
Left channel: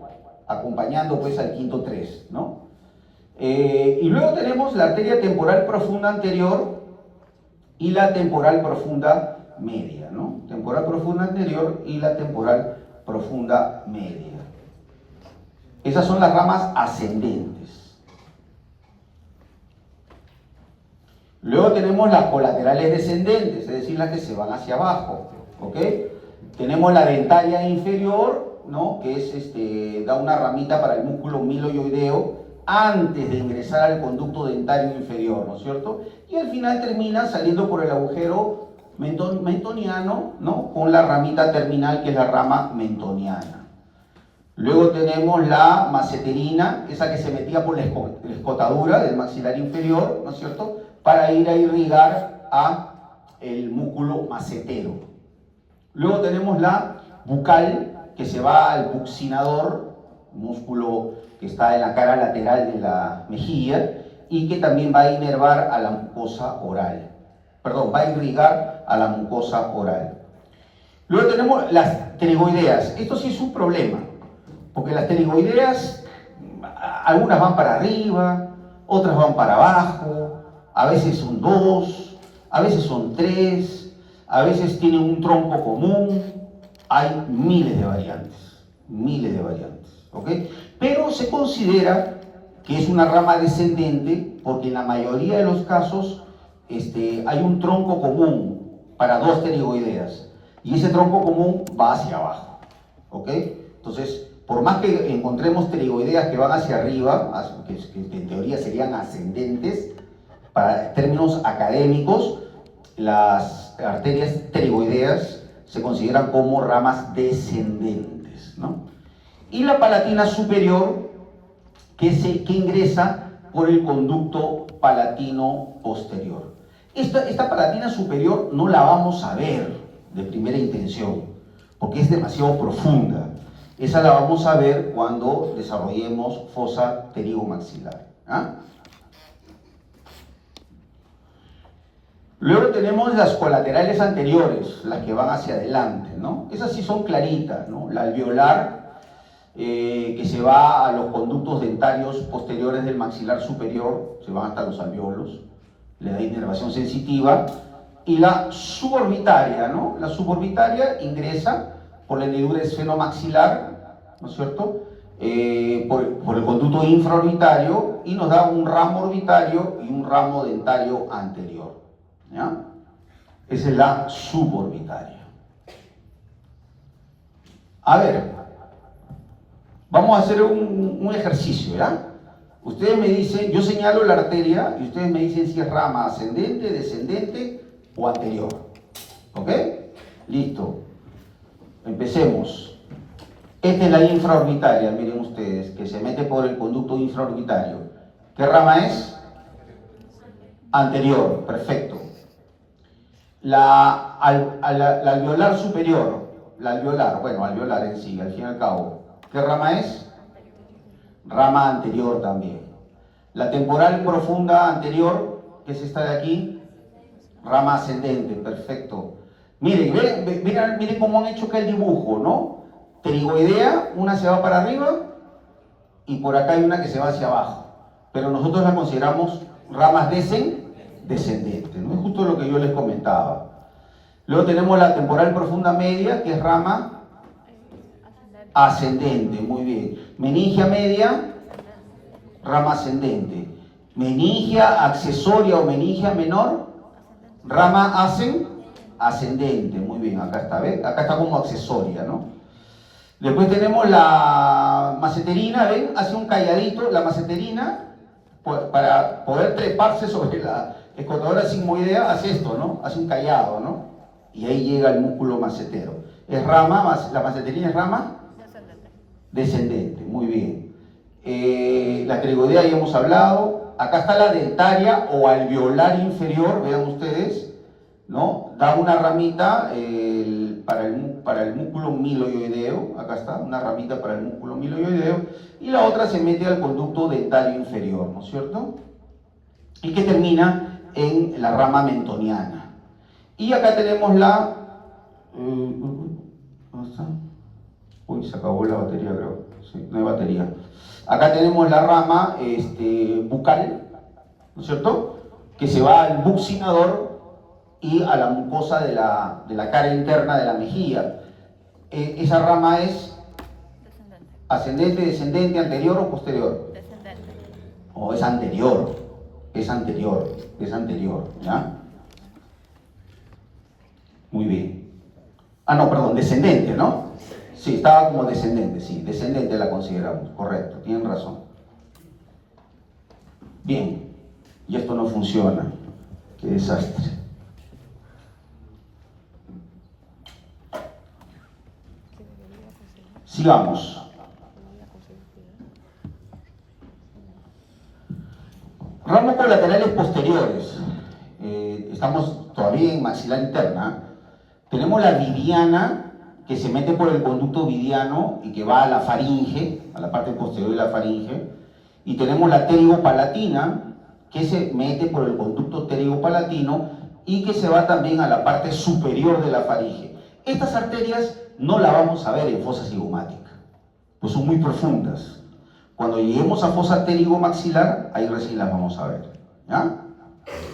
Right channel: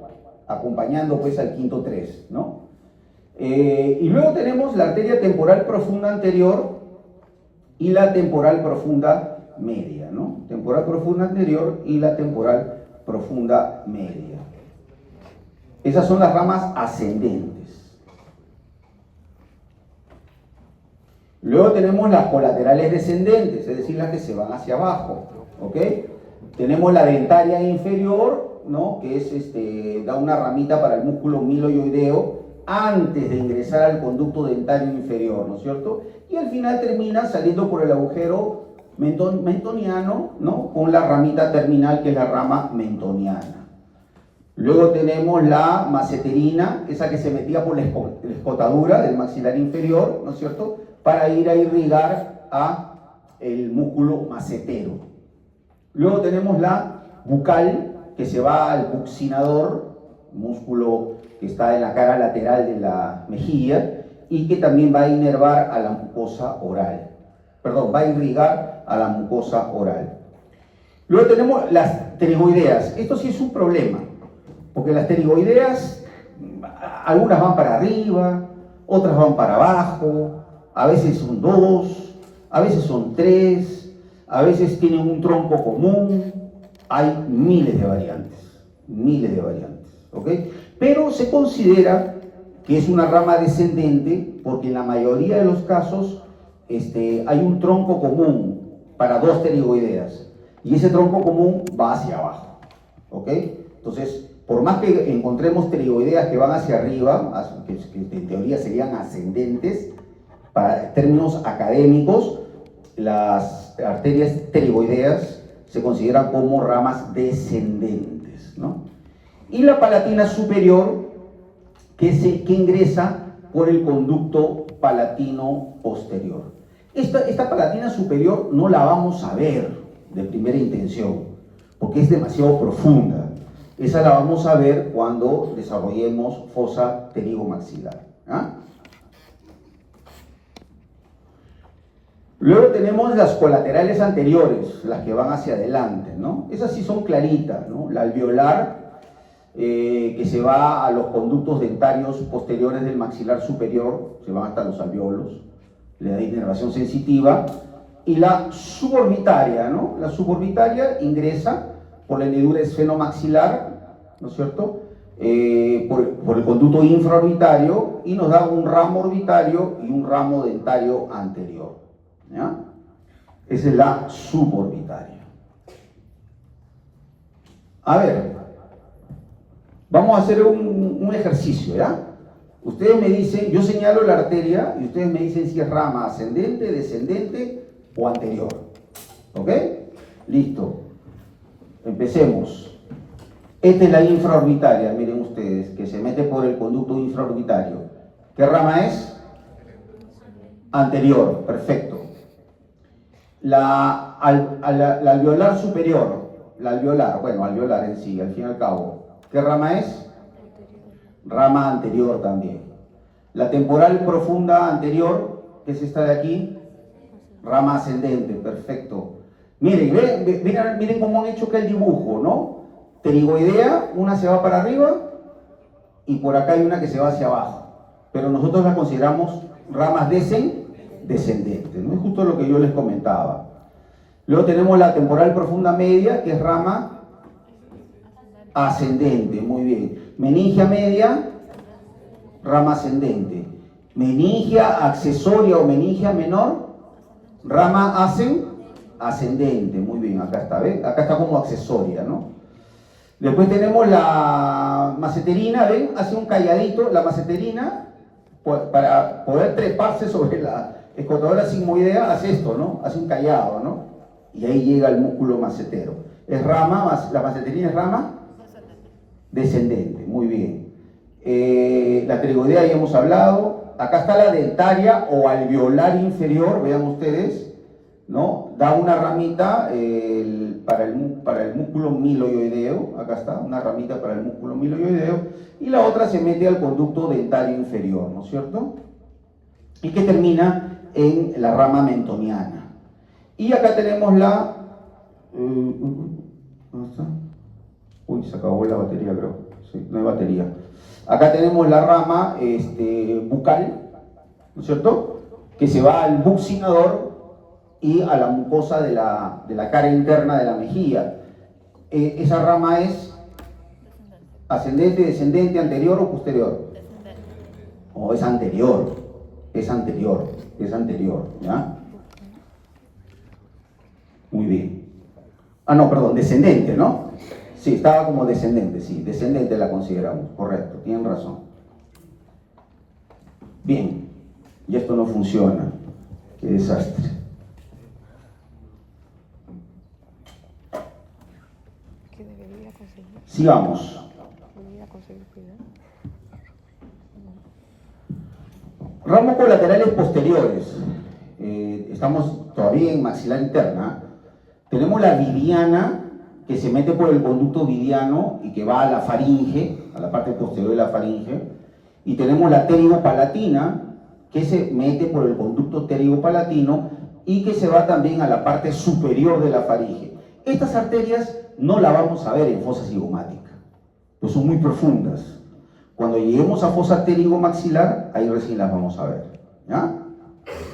acompañando pues al quinto 3, ¿no? Y luego tenemos la arteria temporal profunda anterior y la temporal profunda media, ¿no? Temporal profunda anterior y la temporal profunda media. Esas son las ramas ascendentes. Luego tenemos las colaterales descendentes, es decir, las que se van hacia abajo, ¿ok? Tenemos la dentaria inferior, ¿no? Que es, da una ramita para el músculo miloioideo antes de ingresar al conducto dentario inferior, ¿no es cierto? Y al final termina saliendo por el agujero mentoniano, ¿no? Con la ramita terminal que es la rama mentoniana. Luego tenemos la maceterina, esa que se metía por la escotadura del maxilar inferior, ¿no es cierto?, para ir a irrigar a el músculo macetero. Luego tenemos la bucal, que se va al buccinador, músculo que está en la cara lateral de la mejilla, y que también va a inervar a la mucosa oral. Perdón, va a irrigar a la mucosa oral. Luego tenemos las pterigoideas. Esto sí es un problema, porque las pterigoideas, algunas van para arriba, otras van para abajo, a veces son 2, a veces son 3, a veces tienen un tronco común. Hay miles de variantes, ¿ok? Pero se considera que es una rama descendente porque en la mayoría de los casos hay un tronco común para 2 pterigoideas y ese tronco común va hacia abajo, ¿ok? Entonces, por más que encontremos pterigoideas que van hacia arriba, que en teoría serían ascendentes, para términos académicos, las arterias pterigoideas se consideran como ramas descendentes, ¿no? Y la palatina superior, que ingresa por el conducto palatino posterior. Esta palatina superior no la vamos a ver de primera intención, porque es demasiado profunda. Esa la vamos a ver cuando desarrollemos fosa pterigomaxilar. ¿Ah? Luego tenemos las colaterales anteriores, las que van hacia adelante, ¿no? Esas sí son claritas, ¿no? La alveolar, que se va a los conductos dentarios posteriores del maxilar superior, se van hasta los alveolos, le da inervación sensitiva, y la suborbitaria, ¿no? La suborbitaria ingresa por la hendidura esfenomaxilar, ¿no es cierto?, por el conducto infraorbitario y nos da un ramo orbitario y un ramo dentario anterior, ¿ya? Esa es la suborbitaria. A ver, vamos a hacer un ejercicio, ¿ya? Ustedes me dicen, yo señalo la arteria y ustedes me dicen si es rama ascendente, descendente o anterior. ¿Ok? Listo. Empecemos. Esta es la infraorbitaria, miren ustedes, que se mete por el conducto infraorbitario. ¿Qué rama es? Anterior, perfecto. La alveolar superior, alveolar en sí, al fin y al cabo. ¿Qué rama es? Rama anterior también. La temporal profunda anterior, que es esta de aquí, rama ascendente, perfecto. Miren, miren cómo han hecho acá el dibujo, ¿no? Pterigoidea, una se va para arriba y por acá hay una que se va hacia abajo. Pero nosotros la consideramos ramas descendentes, ¿no? Es justo lo que yo les comentaba. Luego tenemos la temporal profunda media, que es rama ascendente, muy bien. Meningia media, rama ascendente. Meningia accesoria o meningia menor, rama ascendente, muy bien, acá está, ¿ven? Acá está como accesoria, ¿no? Después tenemos la maceterina, ¿ven? Hace un calladito, la maceterina, para poder treparse sobre la escotadora sigmoidea, hace esto, ¿no? Hace un callado, ¿no? Y ahí llega el músculo macetero. Es rama, la maceterina es rama descendente, muy bien. La pterigoidea ya hemos hablado. Acá está la dentaria o alveolar inferior, vean ustedes, ¿no? Da una ramita para el músculo miloioideo, acá está, una ramita para el músculo miloioideo, y la otra se mete al conducto dentario inferior, ¿no es cierto? Y que termina en la rama mentoniana. Y acá tenemos la... ¿dónde está? Uy, se acabó la batería, creo. Sí, no hay batería. Acá tenemos la rama bucal, ¿no es cierto?, que se va al buccinador y a la mucosa de la cara interna de la mejilla. Esa rama es ascendente, descendente, anterior o posterior. O es anterior, ¿ya? Muy bien. Ah, no, perdón, descendente, ¿no? Sí, estaba como descendente, sí, descendente la consideramos, correcto, tienen razón. Bien, y esto no funciona, qué desastre. Sigamos. estamos todavía en maxilar interna, tenemos la vidiana, que se mete por el conducto vidiano y que va a la faringe, a la parte posterior de la faringe, y tenemos la pterygo-palatina, que se mete por el conducto pterygo-palatino y que se va también a la parte superior de la faringe. Estas arterias no las vamos a ver en fosa cigomática, pues son muy profundas. Cuando lleguemos a fosa pterygomaxilar, ahí recién las vamos a ver, ¿ya?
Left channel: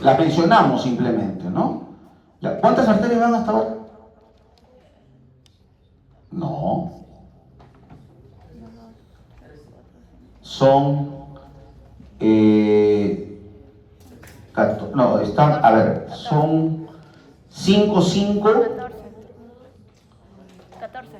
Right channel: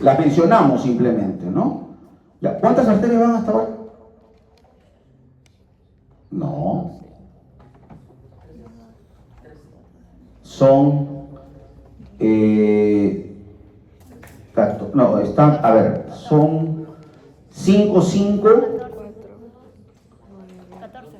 Las mencionamos simplemente, ¿no? ¿Ya? ¿Cuántas arterias van hasta ahora? No. Son... no, están, a ver, son 5, 5... 14.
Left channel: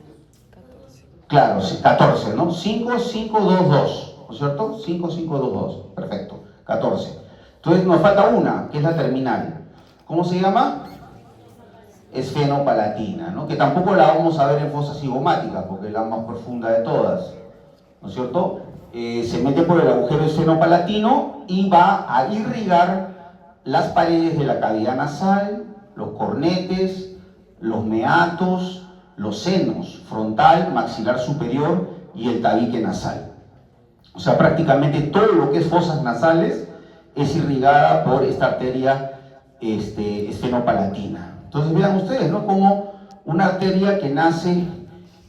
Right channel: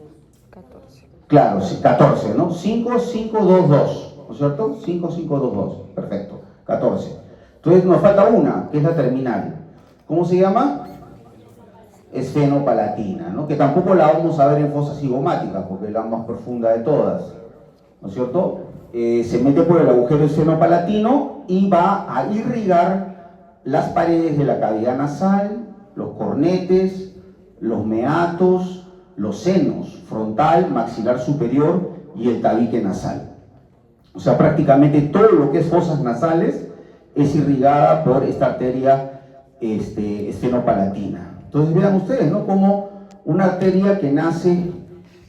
Claro, sí, 14, ¿no? 5, 5, 2, 2, ¿no es cierto? 5, 5, 2, 2, perfecto, 14. Entonces nos falta una, que es la terminal. ¿Cómo se llama? Esfenopalatina, ¿no? Que tampoco la vamos a ver en fosa cigomática, porque es la más profunda de todas, ¿no es cierto? Se mete por el agujero esfenopalatino y va a irrigar las paredes de la cavidad nasal, los cornetes, los meatos, los senos frontal, maxilar superior y el tabique nasal. O sea, prácticamente todo lo que es fosas nasales es irrigada por esta arteria esfenopalatina. Entonces vean ustedes, ¿no? Como una arteria que nace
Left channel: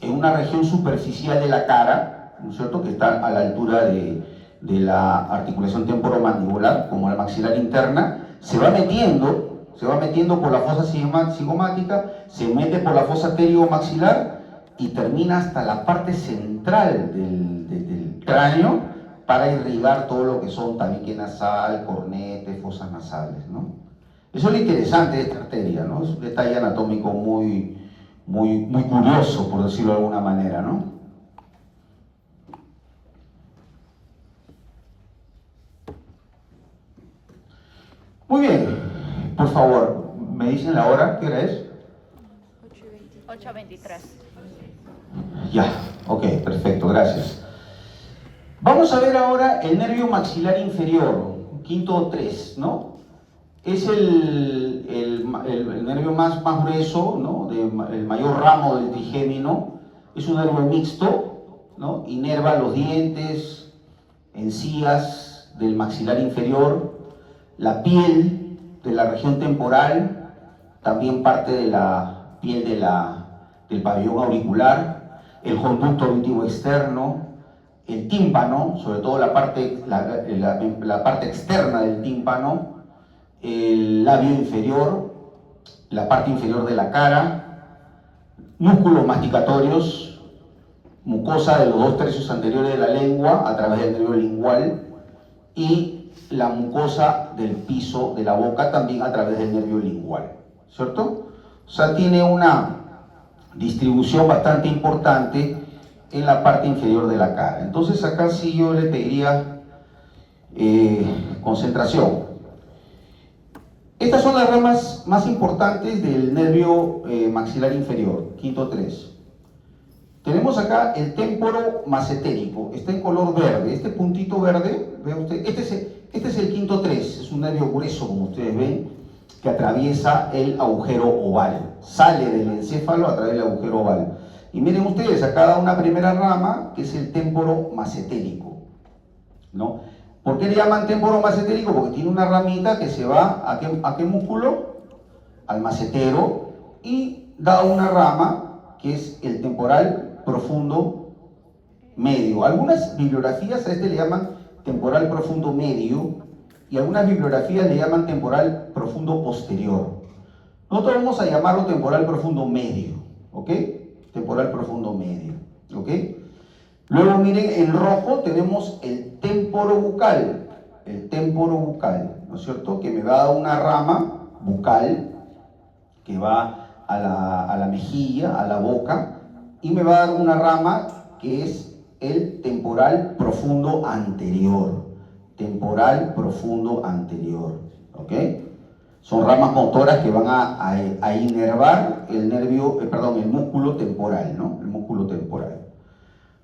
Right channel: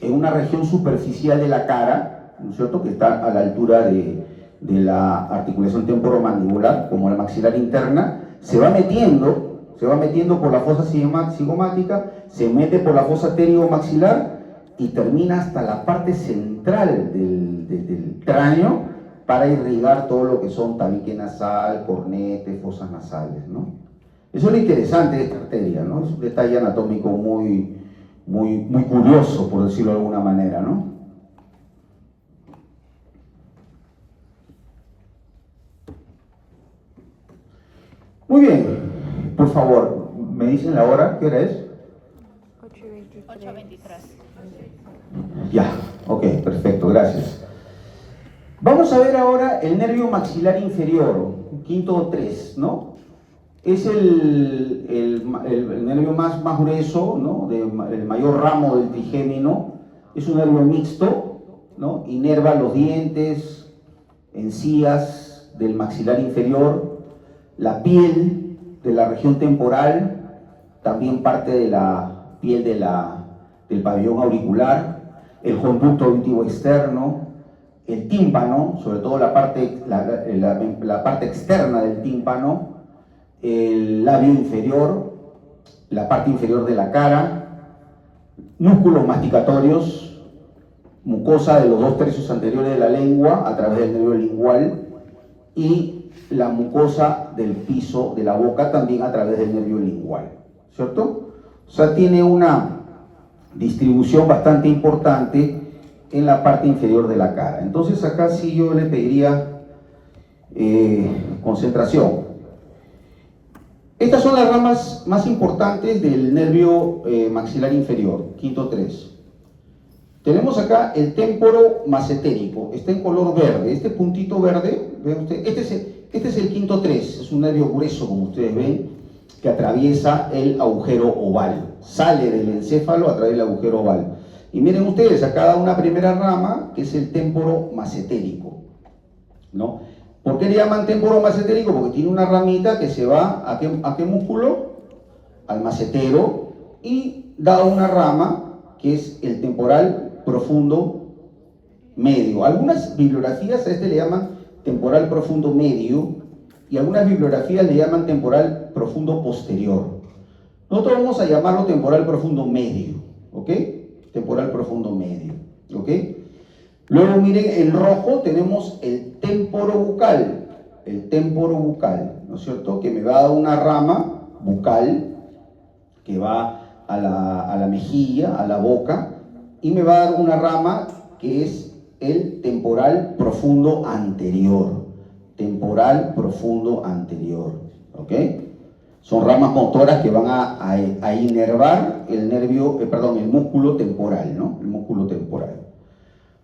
en una región superficial de la cara, ¿no es cierto?, que está a la altura de la articulación temporomandibular, como la maxilar interna, se va metiendo por la fosa cigomática, se mete por la fosa pterygomaxilar y termina hasta la parte central del cráneo para irrigar todo lo que son tabique nasal, cornete, fosas nasales, ¿no? Eso es lo interesante de esta arteria, ¿no? Es un detalle anatómico muy curioso, por decirlo de alguna manera, ¿no? Muy bien, por favor, ¿me dicen la hora? ¿Qué hora es? 8:23. Ya, ok, perfecto, gracias. Vamos a ver ahora el nervio maxilar inferior, quinto 3, ¿no? Es el nervio más grueso, ¿no? El mayor ramo del trigémino. Es un nervio mixto, ¿no? Inerva los dientes, encías del maxilar inferior, la piel de la región temporal, también parte de la piel del pabellón auricular, el conducto auditivo externo, el tímpano, sobre todo la parte externa del tímpano, el labio inferior, la parte inferior de la cara, músculos masticatorios, mucosa de los 2/3 anteriores de la lengua a través del nervio lingual y la mucosa del piso de la boca también a través del nervio lingual, ¿cierto? O sea, tiene una distribución bastante importante en la parte inferior de la cara. Entonces acá sí yo le pediría concentración. Estas son las ramas más importantes del nervio maxilar inferior, quinto 3. Tenemos acá el témporo macetérico, está en color verde. Este puntito verde, ¿ve usted? Este es el quinto 3, es un nervio grueso, como ustedes ven, que atraviesa el agujero oval. Sale del encéfalo a través del agujero oval. Y miren ustedes, acá da una primera rama, que es el témporo macetérico, ¿no? ¿Por qué le llaman témporo macetérico? Porque tiene una ramita que se va ¿a qué músculo? Al macetero, y da una rama que es el temporal profundo medio. Algunas bibliografías a este le llaman temporal profundo medio y algunas bibliografías le llaman temporal profundo posterior. Nosotros vamos a llamarlo temporal profundo medio, ¿ok? Temporal profundo medio, ¿ok? Luego miren, en rojo tenemos el témporo bucal, ¿no es cierto? Que me va a dar una rama bucal que va a la mejilla, a la boca, y me va a dar una rama que es el temporal profundo anterior, ¿ok? Son ramas motoras que van a inervar el nervio, el músculo temporal, ¿no? El músculo temporal.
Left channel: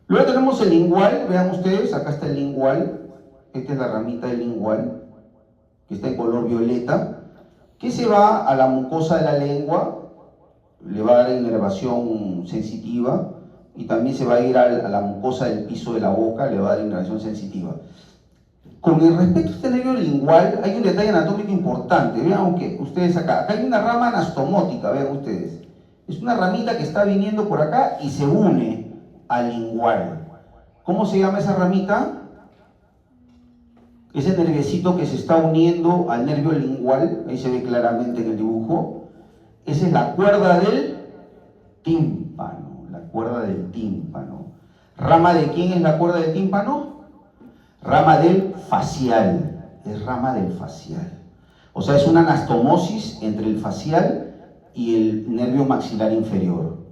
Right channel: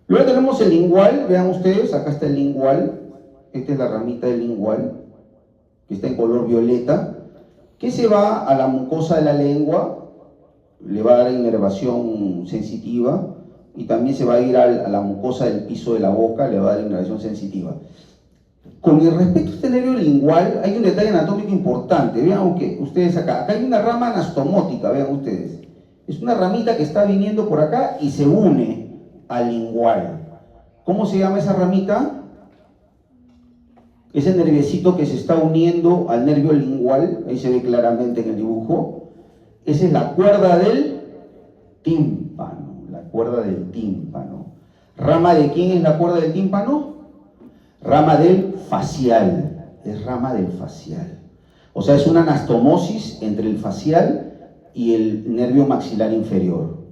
Luego tenemos el lingual, vean ustedes, acá está el lingual, esta es la ramita del lingual, que está en color violeta, que se va a la mucosa de la lengua, le va a dar inervación sensitiva, y también se va a ir a la mucosa del piso de la boca, le va a dar inervación sensitiva. Con el respecto a este nervio lingual, hay un detalle anatómico importante. Vean ustedes acá hay una rama anastomótica, vean ustedes. Es una ramita que está viniendo por acá y se une al lingual. ¿Cómo se llama esa ramita? Ese nerviecito que se está uniendo al nervio lingual, ahí se ve claramente en el dibujo. Esa es la cuerda del tímpano, la cuerda del tímpano. ¿Rama de quién es la cuerda del tímpano? Rama del facial, es rama del facial. O sea, es una anastomosis entre el facial y el nervio maxilar inferior.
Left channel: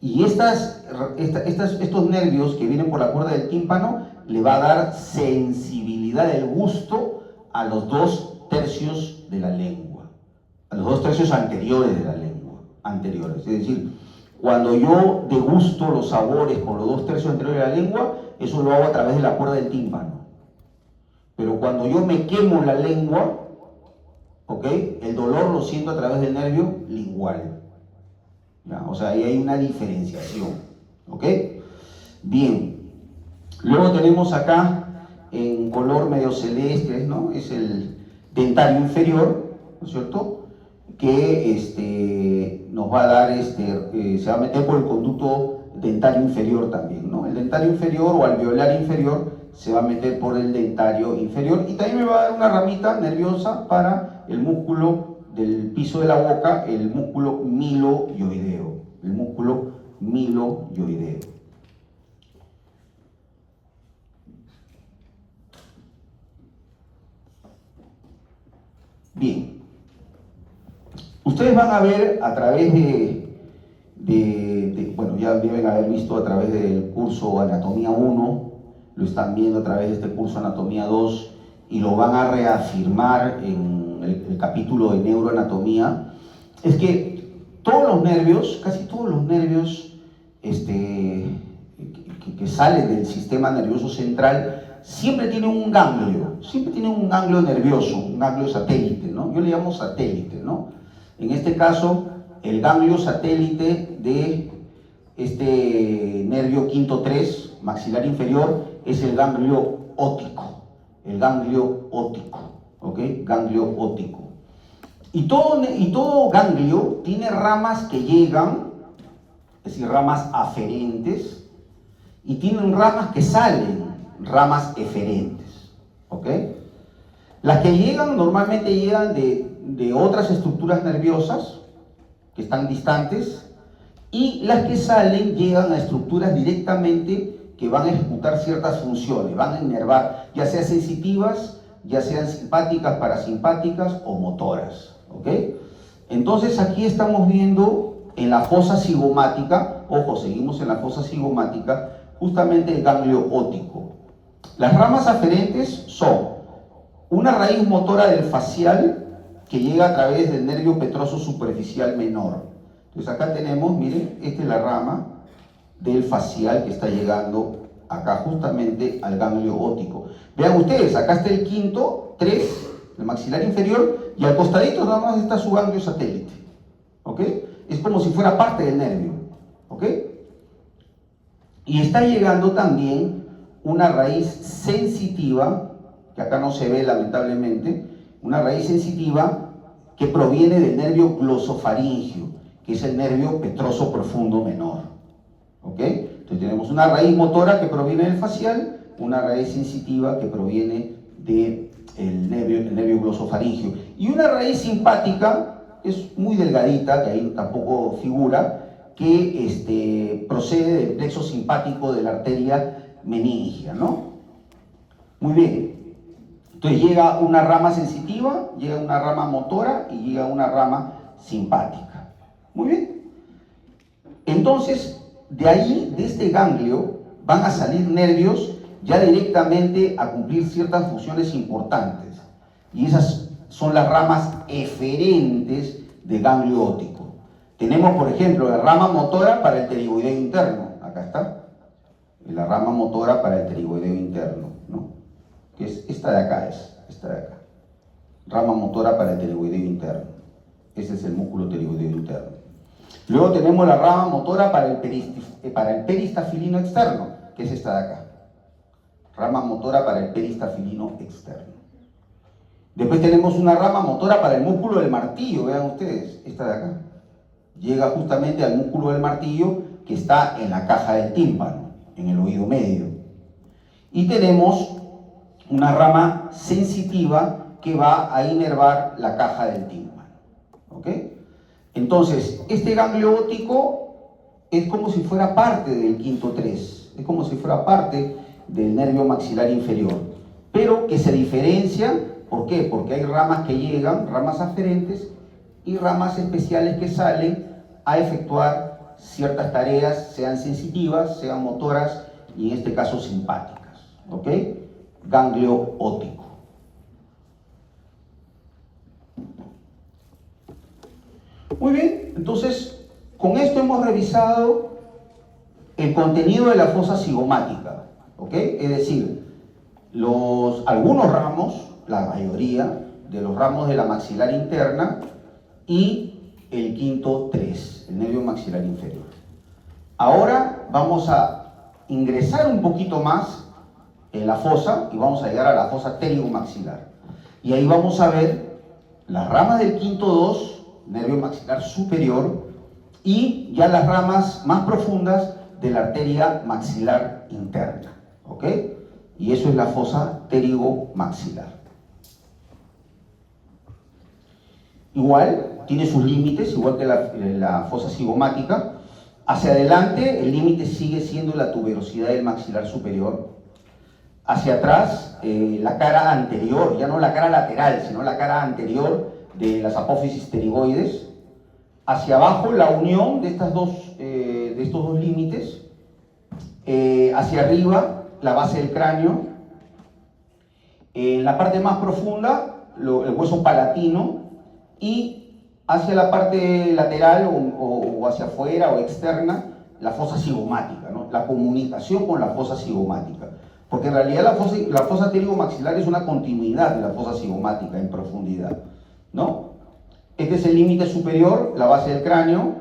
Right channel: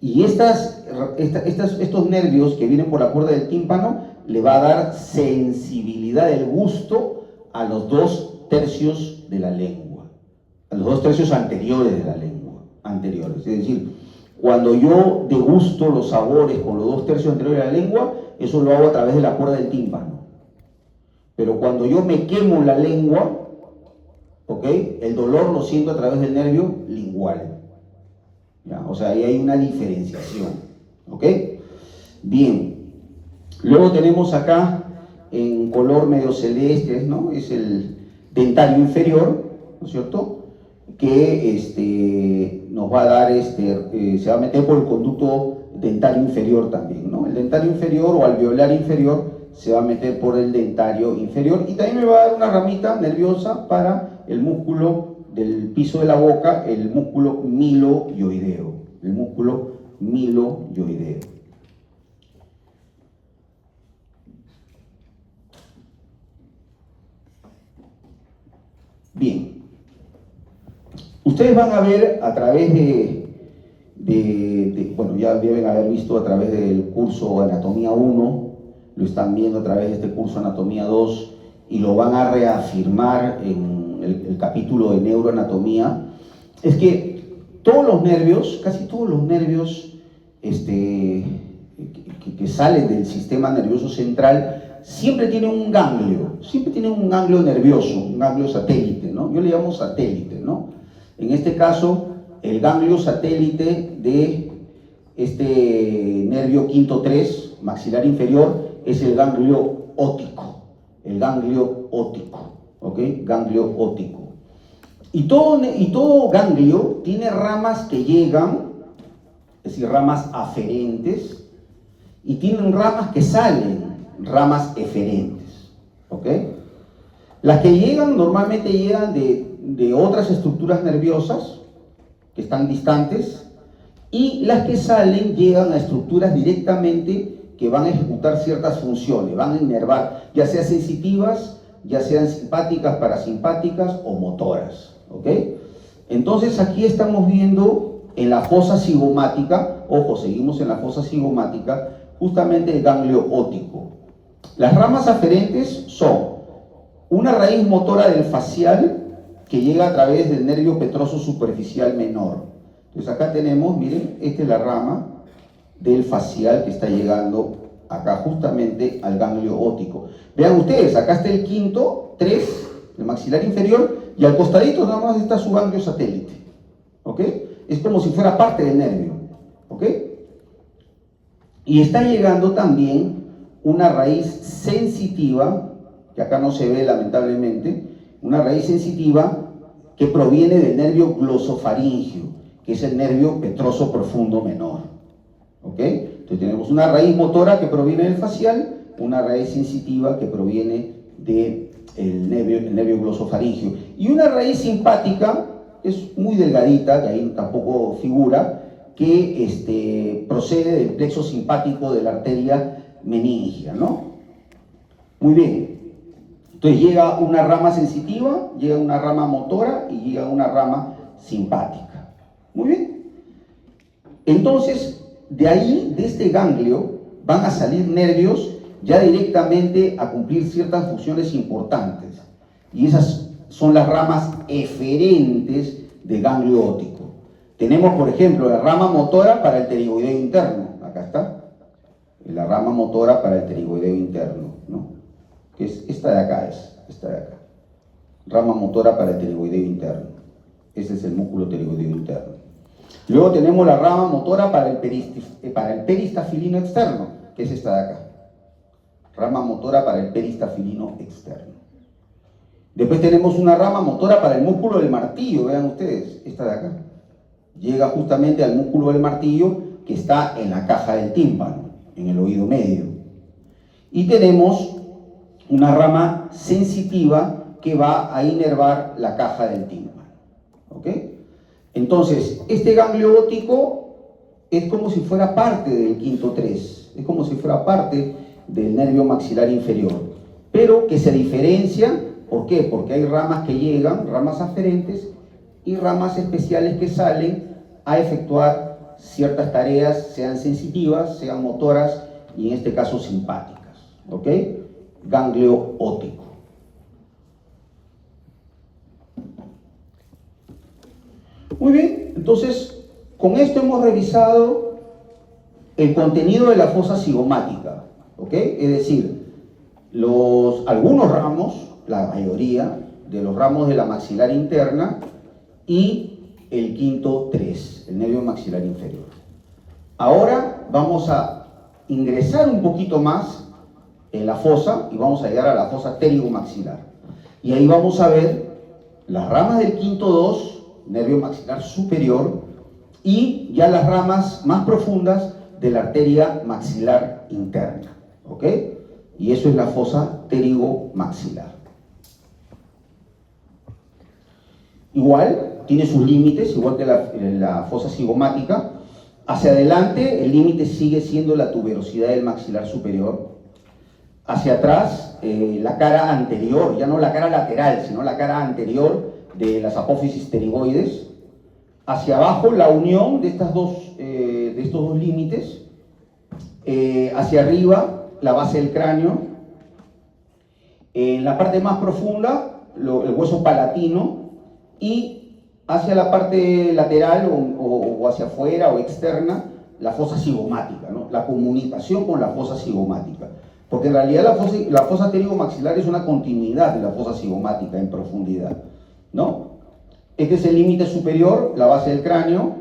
Y estos nervios que vienen por la cuerda del tímpano le va a dar sensibilidad del gusto a los 2/3 de la lengua, a los 2/3 anteriores de la lengua, anteriores. Es decir, cuando yo degusto los sabores con los 2/3 anteriores de la lengua, eso lo hago a través de la cuerda del tímpano. Pero cuando yo me quemo la lengua, ¿ok?, el dolor lo siento a través del nervio lingual. ¿Ya? O sea, ahí hay una diferenciación. ¿Ok? Bien. Luego tenemos acá, en color medio celeste, ¿no?, es el dentario inferior, ¿no es cierto?, que nos va a dar, se va a meter por el conducto dentario inferior también, ¿no? El dentario inferior o alveolar inferior se va a meter por el dentario inferior, y también me va a dar una ramita nerviosa para el músculo del piso de la boca, el músculo miloioideo, el músculo miloioideo. Bien, ustedes van a ver a través bueno, ya deben haber visto a través del curso Anatomía 1, lo están viendo a través de este curso Anatomía 2, y lo van a reafirmar en el capítulo de neuroanatomía. Es que todos los nervios, casi todos los nervios que salen del sistema nervioso central, siempre tienen un ganglio nervioso, un ganglio satélite, ¿no? Yo le llamo satélite, ¿no? En este caso, el ganglio satélite de este nervio quinto 3, maxilar inferior, es el ganglio óptico, ¿ok? Ganglio óptico. Y todo ganglio tiene ramas que llegan, es decir, ramas aferentes, y tienen ramas que salen, ramas eferentes, ¿ok? Las que llegan normalmente llegan de otras estructuras nerviosas que están distantes, y las que salen llegan a estructuras directamente que van a ejecutar ciertas funciones, van a inervar, ya sean sensitivas, ya sean simpáticas, parasimpáticas o motoras, ¿ok? Entonces aquí estamos viendo en la fosa cigomática, ojo, seguimos en la fosa cigomática, justamente el ganglio óptico. Las ramas aferentes son una raíz motora del facial que llega a través del nervio petroso superficial menor. Entonces acá tenemos, miren, esta es la rama del facial que está llegando acá justamente al ganglio óptico. Vean ustedes, acá está el quinto 3, el maxilar inferior, y al costadito nada más está su ganglio satélite, ¿ok? Es como si fuera parte del nervio, ¿ok? Y está llegando también una raíz sensitiva, que acá no se ve lamentablemente, una raíz sensitiva que proviene del nervio glosofaringio, que es el nervio petroso profundo menor, ¿ok? Entonces tenemos una raíz motora que proviene del facial, una raíz sensitiva que proviene del nervio glosofaringio, y una raíz simpática, es muy delgadita, que ahí tampoco figura, que procede del plexo simpático de la arteria meningia, ¿no? Muy bien. Entonces llega una rama sensitiva, llega una rama motora y llega una rama simpática. Muy bien. Entonces, de ahí, de este ganglio, van a salir nervios ya directamente a cumplir ciertas funciones importantes. Y esas son las ramas eferentes del ganglio óptico. Tenemos, por ejemplo, la rama motora para el pterigoideo interno. Acá está. La rama motora para el pterigoideo interno, ¿no? Que es esta de acá, esta de acá. Rama motora para el pterigoideo interno. Ese es el músculo pterigoideo interno. Luego tenemos la rama motora para el peristafilino externo, que es esta de acá. Rama motora para el peristafilino externo. Después tenemos una rama motora para el músculo del martillo, vean ustedes, esta de acá. Llega justamente al músculo del martillo que está en la caja del tímpano, en el oído medio. Y tenemos una rama sensitiva que va a inervar la caja del tímpano. ¿Ok? Entonces, este ganglio óptico es como si fuera parte del quinto 3, es como si fuera parte del nervio maxilar inferior, pero que se diferencia. ¿Por qué? Porque hay ramas que llegan, ramas aferentes, y ramas especiales que salen a efectuar ciertas tareas, sean sensitivas, sean motoras, y en este caso simpáticas. ¿Ok? Ganglio óptico. Muy bien, entonces, con esto hemos revisado el contenido de la fosa cigomática. ¿Ok? Es decir, algunos ramos, la mayoría de los ramos de la maxilar interna y el quinto 3, el nervio maxilar inferior. Ahora vamos a ingresar un poquito más en la fosa y vamos a llegar a la fosa pterigomaxilar. Y ahí vamos a ver las ramas del quinto 2, nervio maxilar superior, y ya las ramas más profundas de la arteria maxilar interna. ¿Ok? Y eso es la fosa pterigomaxilar. Igual, tiene sus límites, igual que la fosa cigomática. Hacia adelante, el límite sigue siendo la tuberosidad del maxilar superior. Hacia atrás, la cara anterior, ya no la cara lateral, sino la cara anterior de las apófisis pterigoides. Hacia abajo, la unión de estos dos límites. Hacia arriba, la base del cráneo. En la parte más profunda, el hueso palatino. Y hacia la parte lateral o hacia afuera o externa, la fosa cigomática, ¿no? La comunicación con la fosa cigomática. Porque en realidad la fosa pterigomaxilar es una continuidad de la fosa cigomática en profundidad, ¿no? Este es el límite superior, la base del cráneo.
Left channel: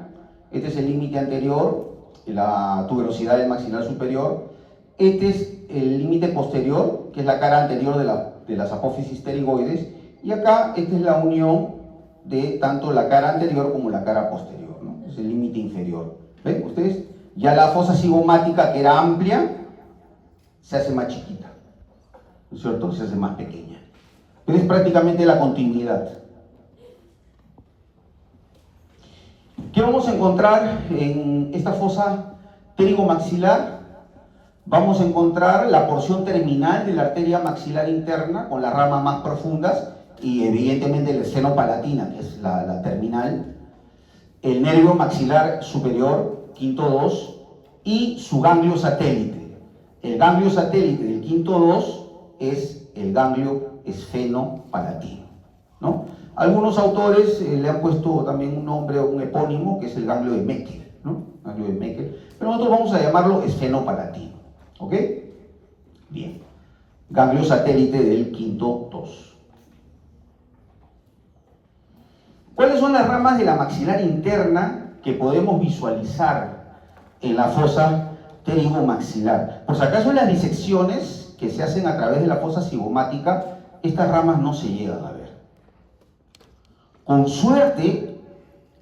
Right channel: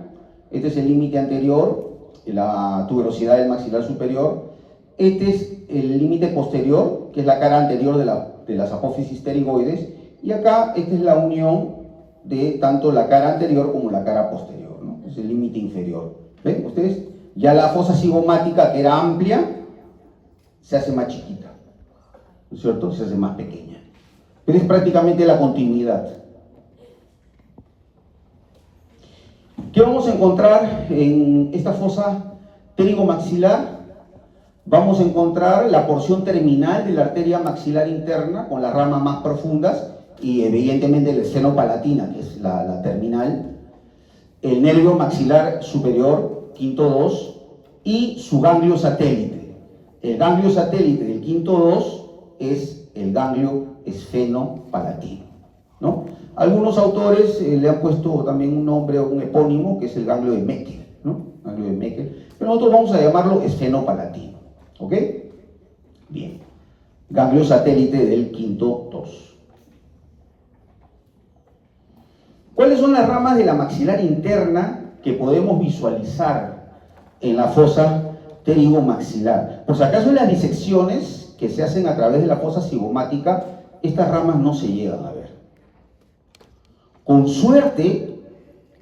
Este es el límite anterior, la tuberosidad del maxilar superior. Este es el límite posterior, que es la cara anterior de las apófisis pterigoides. Y acá, esta es la unión de tanto la cara anterior como la cara posterior, ¿no? Es el límite inferior. ¿Ven ustedes? Ya la fosa cigomática, que era amplia, se hace más chiquita, ¿no es cierto? Se hace más pequeña. Pero es prácticamente la continuidad. ¿Qué vamos a encontrar en esta fosa pterigomaxilar? Vamos a encontrar la porción terminal de la arteria maxilar interna con las ramas más profundas y evidentemente la esfenopalatina, que es la terminal, el nervio maxilar superior, quinto 2, y su ganglio satélite. El ganglio satélite del quinto 2 es el ganglio esfenopalatino, ¿no? Algunos autores le han puesto también un nombre o un epónimo, que es el ganglio de Meckel, ¿no? Ganglio de Meckel, pero nosotros vamos a llamarlo esfenopalatino. ¿Ok? Bien. Ganglio satélite del quinto 2. ¿Cuáles son las ramas de la maxilar interna que podemos visualizar en la fosa pterigomaxilar? Por si acaso en las disecciones que se hacen a través de la fosa cigomática, estas ramas no se llegan a ver. Con suerte,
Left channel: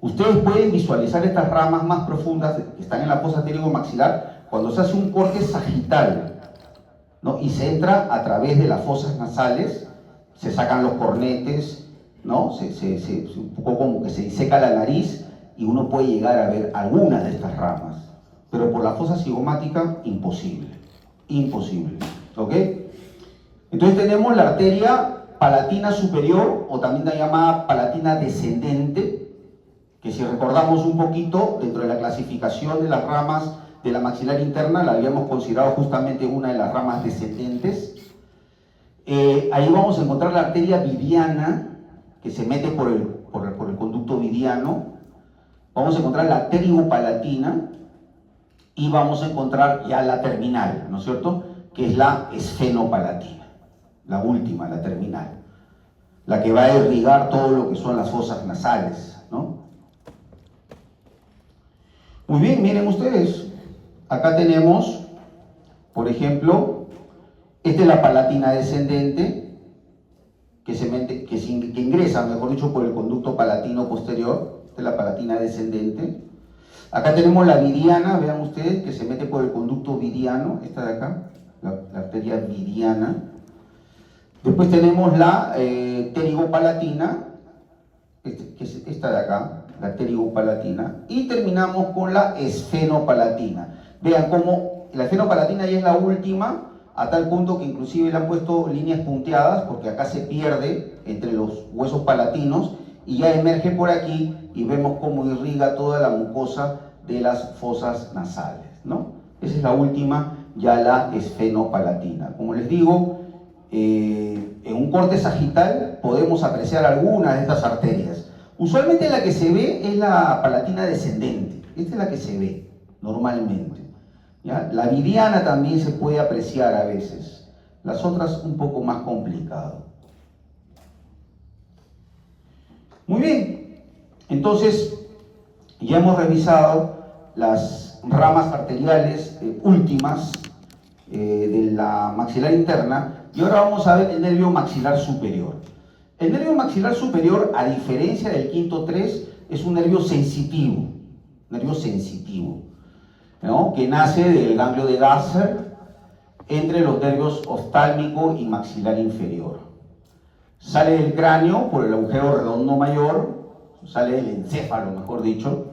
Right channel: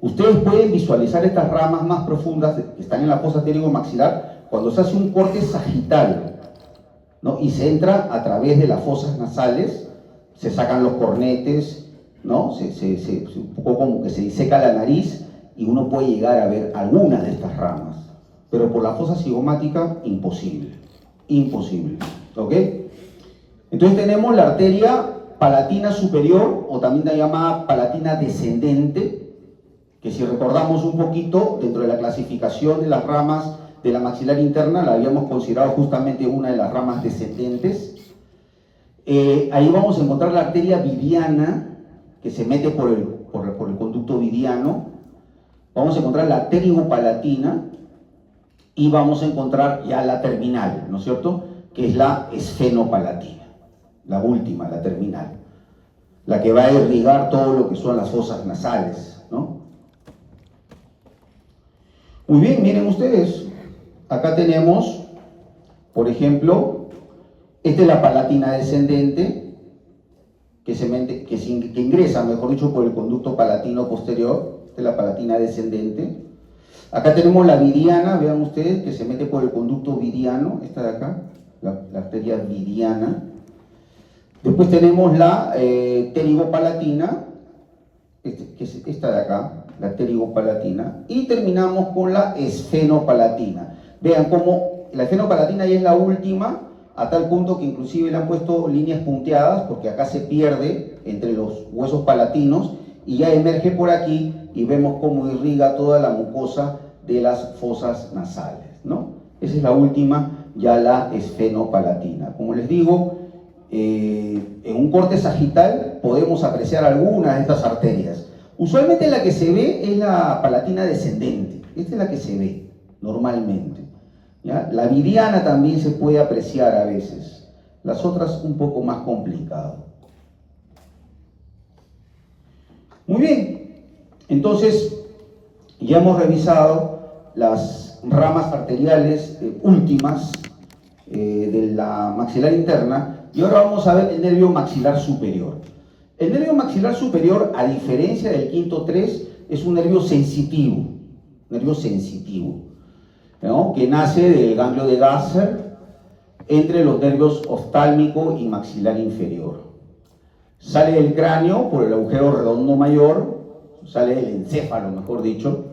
ustedes pueden visualizar estas ramas más profundas que están en la fosa pterigomaxilar cuando se hace un corte sagital, ¿no? Y se entra a través de las fosas nasales, se sacan los cornetes, ¿no? Un poco como que se diseca la nariz y uno puede llegar a ver alguna de estas ramas. Pero por la fosa cigomática, imposible. Imposible. ¿Ok? Entonces tenemos la arteria palatina superior, o también la llamada palatina descendente, que si recordamos un poquito, dentro de la clasificación de las ramas de la maxilar interna, la habíamos considerado justamente una de las ramas descendentes. Ahí vamos a encontrar la arteria vidiana, que se mete por el conducto vidiano. Vamos a encontrar la pterigopalatina y vamos a encontrar ya la terminal, ¿no es cierto? Que es la esfenopalatina, la última, la terminal, la que va a irrigar todo lo que son las fosas nasales, ¿no? Muy bien, miren ustedes, acá tenemos, por ejemplo, esta es la palatina descendente, que ingresa, mejor dicho, por el conducto palatino posterior. Esta es la palatina descendente. Acá tenemos la viriana, vean ustedes, que se mete por el conducto viriano, esta de acá, la arteria viriana. Después tenemos la pterigopalatina, que es esta de acá, la pterigopalatina, y terminamos con la esfenopalatina. Vean cómo la esfenopalatina ya es la última, a tal punto que inclusive le han puesto líneas punteadas, porque acá se pierde entre los huesos palatinos y ya emerge por aquí y vemos cómo irriga toda la mucosa de las fosas nasales, ¿no? Esa es la última, ya la esfenopalatina. Como les digo, en un corte sagital podemos apreciar algunas de estas arterias. Usualmente la que se ve es la palatina descendente, esta es la que se ve normalmente, ¿ya? La viriana también se puede apreciar a veces, las otras un poco más complicado. Muy bien, entonces ya hemos revisado las ramas arteriales últimas de la maxilar interna, y ahora vamos a ver el nervio maxilar superior. El nervio maxilar superior, a diferencia del quinto 3, es un nervio sensitivo, ¿no? Que nace del ganglio de Gasser entre los nervios oftálmico y maxilar inferior. Sale del cráneo por el agujero redondo mayor, sale del encéfalo, mejor dicho,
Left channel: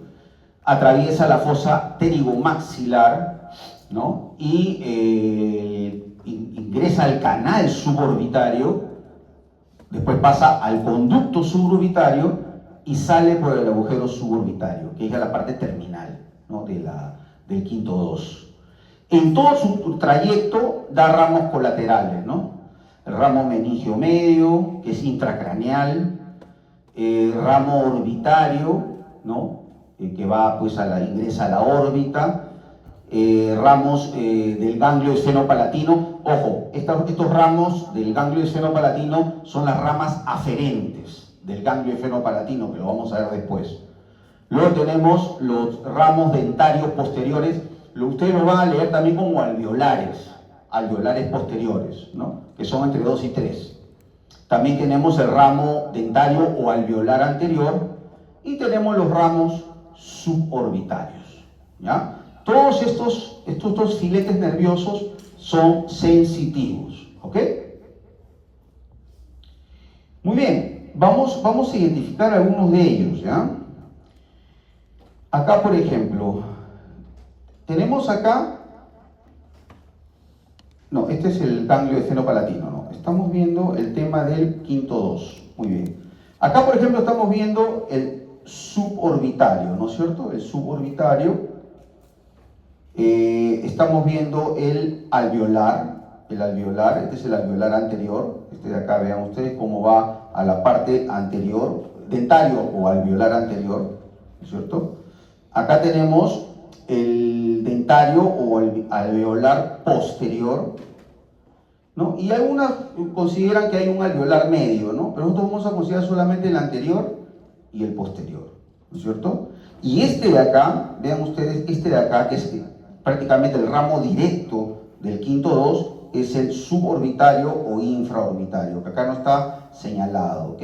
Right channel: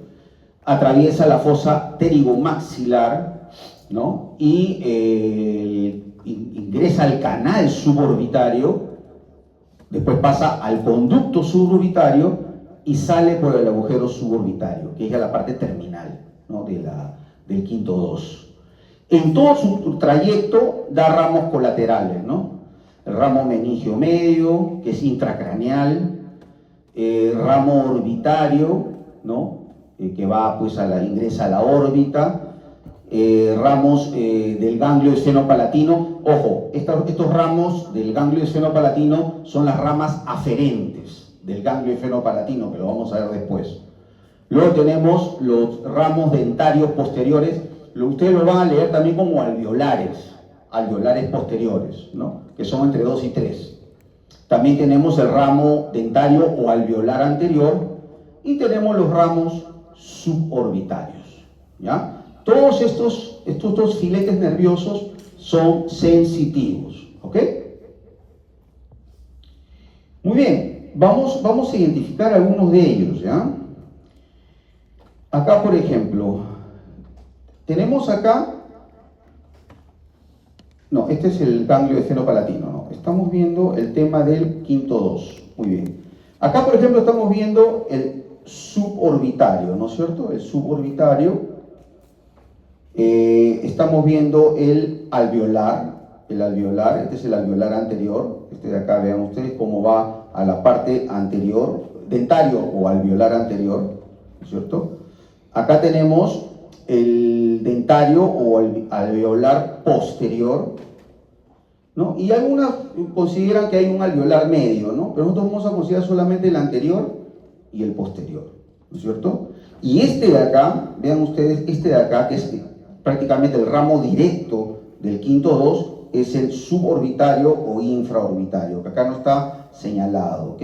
atraviesa la fosa pterigomaxilar, ¿no? Y ingresa al canal suborbitario, después pasa al conducto suborbitario y sale por el agujero suborbitario, que es ya la parte terminal, ¿no? del quinto 2. En todo su trayecto da ramos colaterales, ¿no? El ramo meningio medio, que es intracraneal, ramo orbitario, ¿no? Que va pues ingresa a la órbita, ramos del ganglio esfenopalatino. Ojo, estos ramos del ganglio esfenopalatino son las ramas aferentes del ganglio esfenopalatino, que lo vamos a ver después. Luego tenemos los ramos dentarios posteriores, ustedes lo van a leer también como alveolares posteriores, ¿no? Que son entre 2 y 3. También tenemos el ramo dentario o alveolar anterior y tenemos los ramos suborbitarios, ¿ya? Todos estos dos filetes nerviosos son sensitivos, ¿ok? Muy bien, vamos a identificar algunos de ellos, ¿ya? Acá, por ejemplo, tenemos acá, no, este es el ganglio esfenopalatino, no, estamos viendo el tema del quinto 2, muy bien. Acá, por ejemplo, estamos viendo el suborbitario, ¿no es cierto? El suborbitario. Estamos viendo el alveolar, este es el alveolar anterior, este de acá, vean ustedes cómo va a la parte anterior, dentario o alveolar anterior, ¿no es cierto? Acá tenemos el dentario o el alveolar posterior, ¿no? Y algunas consideran que hay un alveolar medio, ¿no? Pero nosotros vamos a considerar solamente el anterior y el posterior, ¿no es cierto? Y este de acá, vean ustedes, este de acá, que es prácticamente el ramo directo del quinto 2, es el suborbitario o infraorbitario, que acá no está señalado, ¿ok?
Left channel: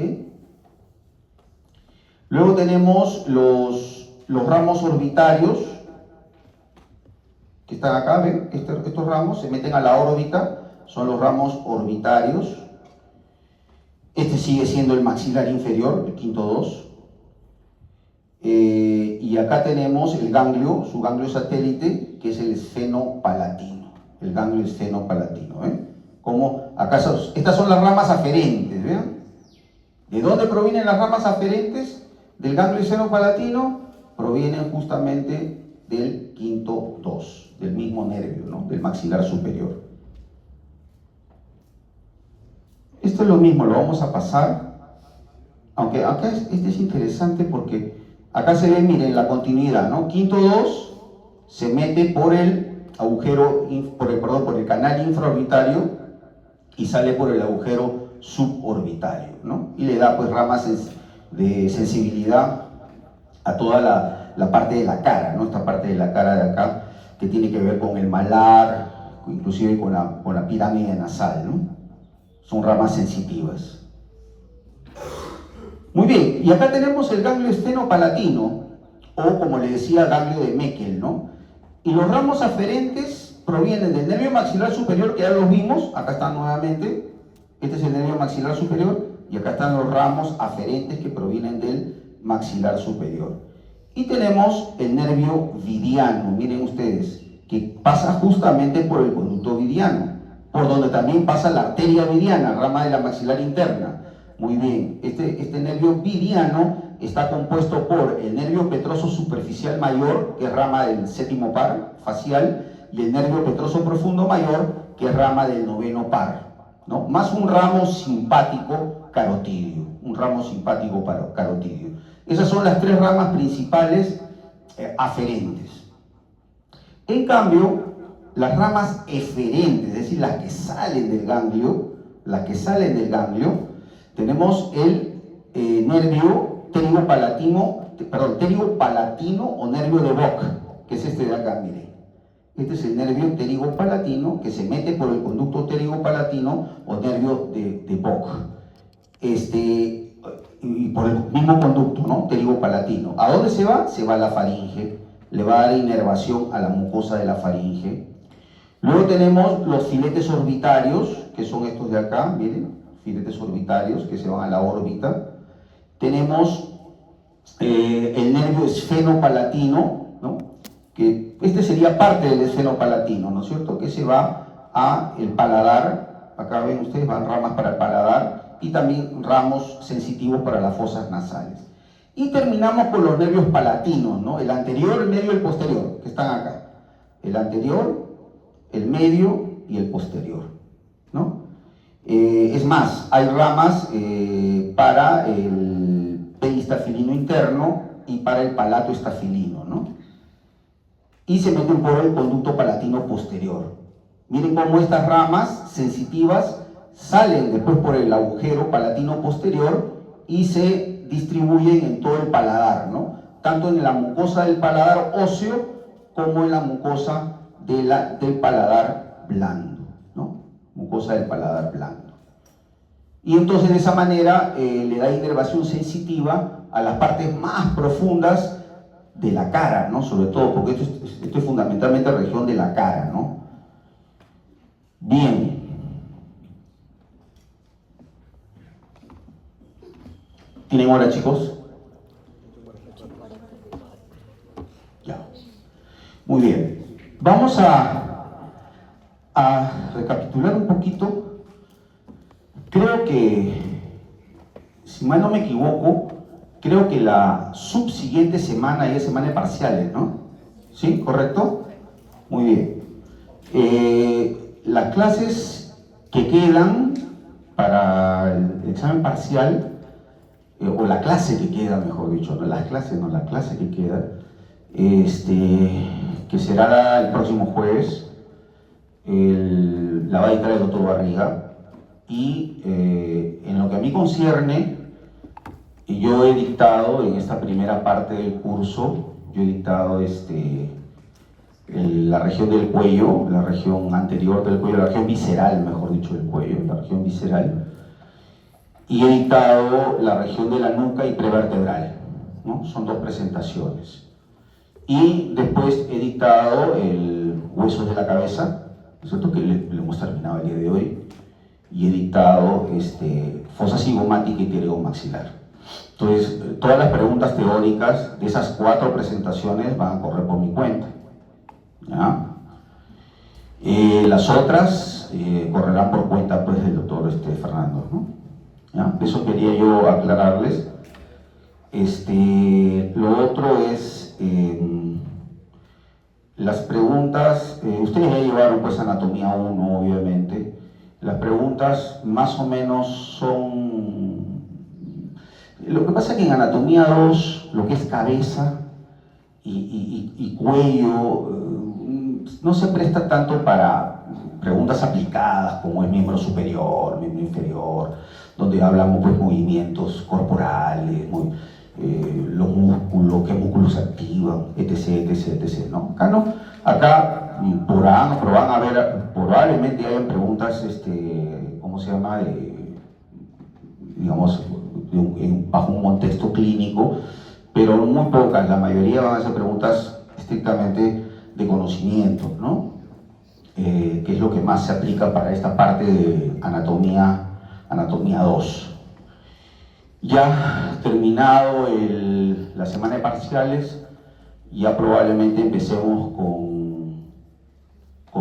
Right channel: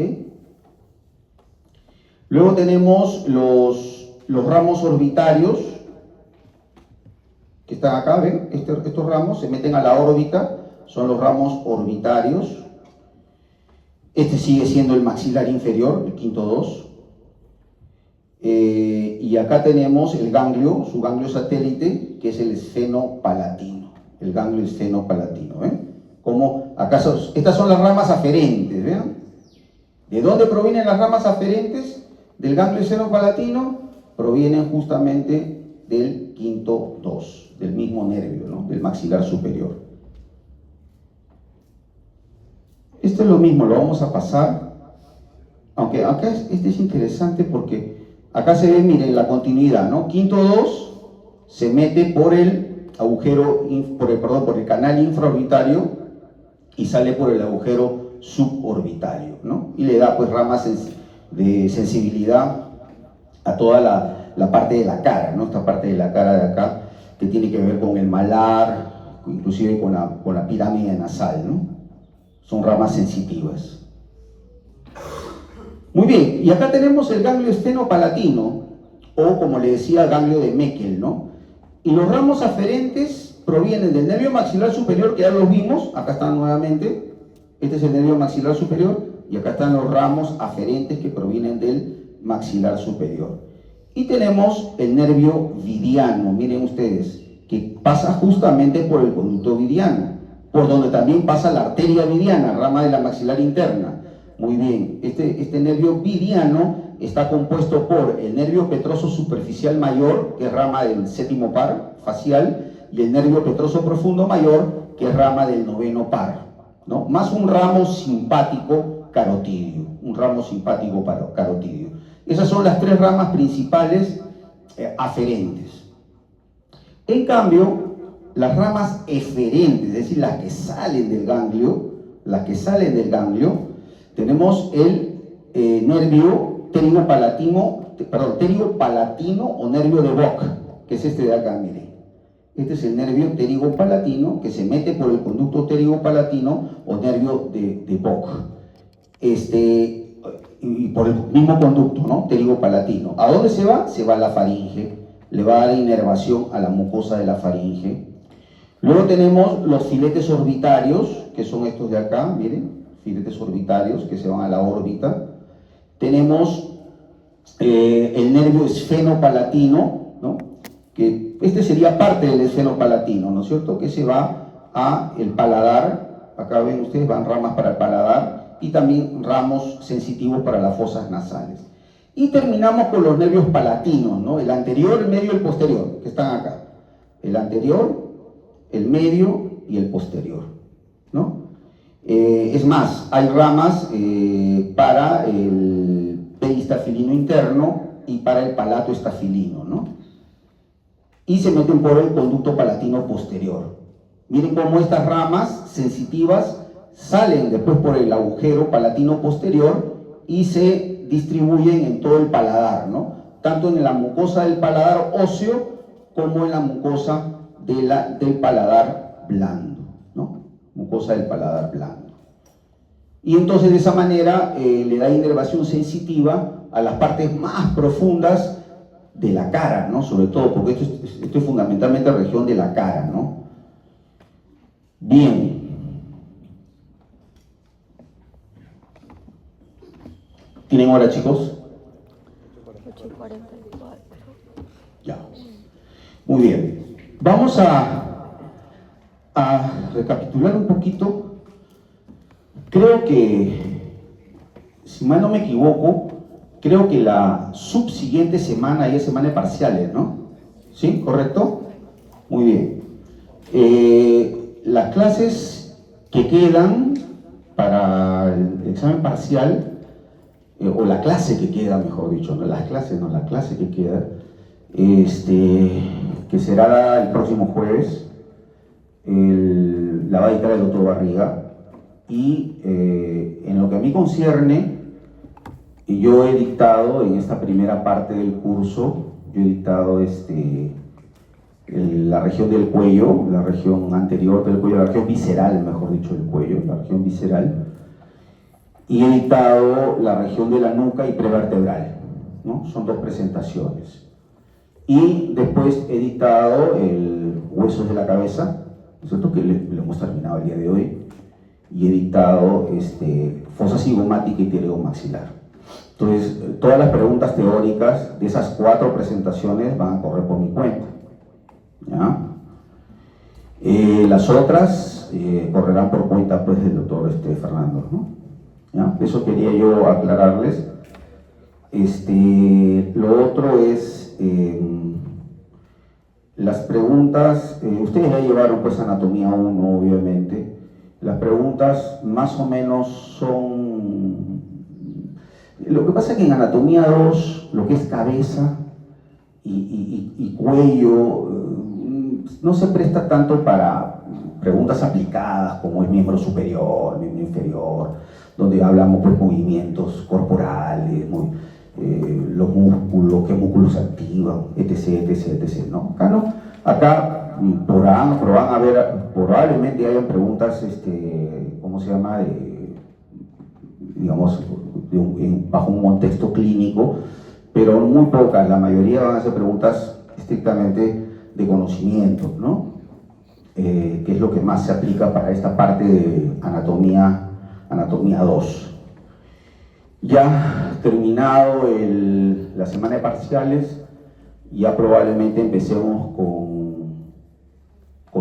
Luego tenemos los ramos orbitarios, que están acá, ¿ven? Estos ramos se meten a la órbita, son los ramos orbitarios. Este sigue siendo el maxilar inferior, el quinto 2. Y acá tenemos el ganglio, su ganglio satélite, que es el esfenopalatino, el ganglio esfenopalatino, ¿ven? Como acá estas son las ramas aferentes, ¿ven? ¿De dónde provienen las ramas aferentes del ganglio esfenopalatino? Provienen justamente del quinto 2, del mismo nervio, ¿no? Del maxilar superior. Esto es lo mismo, lo vamos a pasar, aunque acá este es interesante porque acá se ve, miren, la continuidad, ¿no? Quinto 2 se mete por el agujero, por el canal infraorbitario y sale por el agujero suborbitario, ¿no? Y le da pues ramas de sensibilidad a toda la parte de la cara, ¿no? Esta parte de la cara de acá, que tiene que ver con el malar, inclusive con la pirámide nasal, ¿no? Son ramas sensitivas. Muy bien, y acá tenemos el ganglio esfenopalatino, o como le decía, ganglio de Meckel, ¿no? Y los ramos aferentes provienen del nervio maxilar superior, que ya los vimos, acá están nuevamente, este es el nervio maxilar superior, y acá están los ramos aferentes que provienen del maxilar superior. Y tenemos el nervio vidiano, miren ustedes, que pasa justamente por el conducto vidiano, por donde también pasa la arteria vidiana, rama de la maxilar interna. Muy bien, este nervio vidiano está compuesto por el nervio petroso superficial mayor, que es rama del séptimo par facial, y el nervio petroso profundo mayor, que es rama del noveno par, ¿no? Más un ramo simpático carotidio, un ramo simpático carotidio. Esas son las tres ramas principales aferentes. En cambio, las ramas eferentes, es decir, las que salen del ganglio, tenemos el nervio pterigopalatino o nervio de Bock, que es este de acá, mire. Este es el nervio pterigopalatino que se mete por el conducto pterigopalatino o nervio de Bock. Y por el mismo conducto, ¿no? Pterigopalatino. ¿A dónde se va? Se va a la faringe, le va a dar inervación a la mucosa de la faringe. Luego tenemos los filetes orbitarios, que son estos de acá, miren, filetes orbitarios que se van a la órbita. Tenemos el nervio esfenopalatino, ¿no? Que este sería parte del esfenopalatino, ¿no es cierto? Que se va a el paladar, acá ven ustedes, van ramas para el paladar y también ramos sensitivos para las fosas nasales. Y terminamos con los nervios palatinos, ¿no? El anterior, el medio y el posterior, que están acá. El anterior, el medio y el posterior, ¿no? Es más, hay ramas para el peristafilino interno y para el palato estafilino, ¿no? Y se meten por el conducto palatino posterior. Miren cómo estas ramas sensitivas salen después por el agujero palatino posterior y se distribuyen en todo el paladar, ¿no? Tanto en la mucosa del paladar óseo como en la mucosa del paladar blando, ¿no? Mucosa del paladar blando. Y entonces de esa manera le da inervación sensitiva a las partes más profundas de la cara, ¿no? Sobre todo, porque esto es fundamentalmente región de la cara, ¿no? Bien. ¿Tienen hora, chicos? Ya. Muy bien. Vamos a recapitular un poquito. Creo que, si mal no me equivoco, creo que la subsiguiente semana ya es semana de parciales, ¿no? ¿Sí? ¿Correcto? Muy bien. Las clases que quedan para el examen parcial, o la clase que queda, mejor dicho, no las clases, no, la clase que queda, que será el próximo jueves, la va a dictar el doctor Barriga, y en lo que a mí concierne, yo he dictado en esta primera parte del curso, yo he dictado la región del cuello, la región anterior del cuello, la región visceral, mejor dicho, del cuello, la región visceral, y he dictado la región de la nuca y prevertebral, ¿no? Son dos presentaciones. Y después he dictado el huesos de la cabeza, ¿no es cierto? Que lo hemos terminado el día de hoy, y he dictado fosa cigomática y pterigomaxilar. Entonces, todas las preguntas teóricas de esas 4 presentaciones van a correr por mi cuenta, ¿ya? Las otras correrán por cuenta, pues, del doctor Fernando, ¿no? ¿Ya? Eso quería yo aclararles. Lo otro es las preguntas. Ustedes ya llevaron, pues, anatomía 1, obviamente. Las preguntas más o menos son... Lo que pasa es que en anatomía 2, lo que es cabeza y cuello, no se presta tanto para preguntas aplicadas como el miembro superior, miembro inferior, donde hablamos, pues, movimientos corporales, los músculos, qué músculos se activan, etc, etc, etc, ¿no? Acá no, acá probablemente hayan preguntas, ¿cómo se llama? Digamos, bajo un contexto clínico, pero muy pocas, la mayoría van a ser preguntas estrictamente de conocimiento, ¿no? Que es lo que más se aplica para esta parte de anatomía 2. Ya terminado la semana de parciales, ya probablemente empecemos con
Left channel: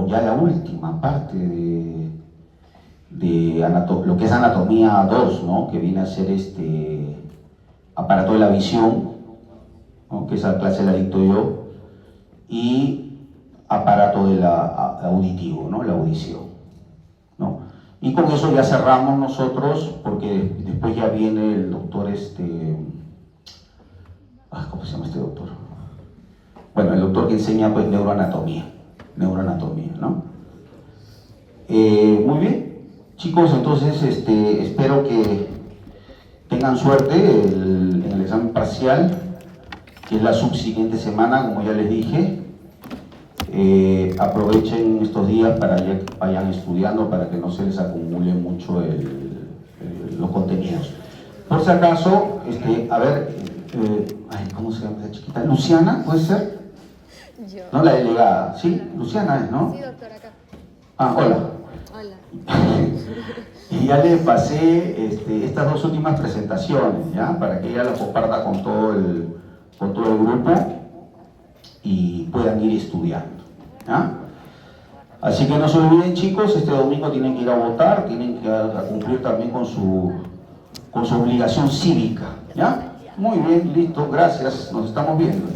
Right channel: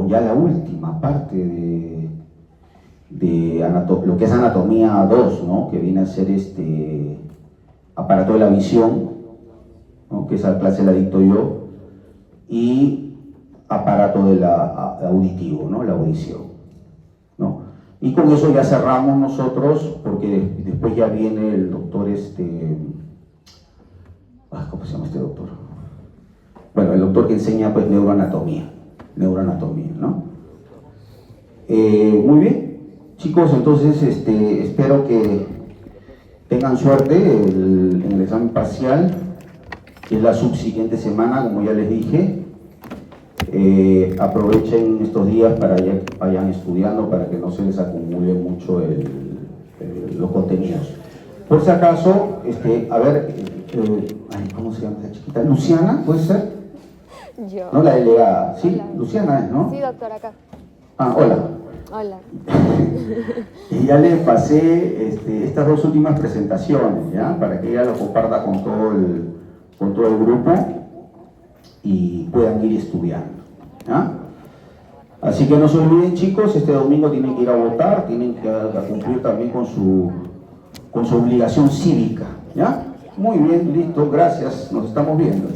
ya la última parte de lo que es anatomía 2, ¿no? Que viene a ser aparato de la visión, ¿no? Que esa clase la dicto yo, y aparato auditivo, ¿no? La audición, ¿no? Y con eso ya cerramos nosotros, porque después ya viene el doctor, ¿cómo se llama este doctor? Bueno, el doctor que enseña pues neuroanatomía, ¿no? Muy bien, chicos, entonces espero que tengan suerte en el examen parcial, que es la subsiguiente semana, como ya les dije. Aprovechen estos días para que vayan estudiando, para que no se les acumule mucho los contenidos. Por si acaso, a ver, ¿cómo se llama la chiquita? ¿Luciana, puede ser? Yo. No, la delegada, ¿sí? Hola. Luciana es, ¿no? Sí, doctor, acá. Ah, hola. Hola. Y ya le pasé estas dos últimas presentaciones, ¿ya? Para que ella lo comparta con todo el grupo y puedan ir estudiando, ¿ya? Así que no se olviden, chicos, este domingo tienen que ir a votar, tienen que cumplir también con su obligación cívica, ¿ya? Muy bien, listo, gracias, nos estamos viendo.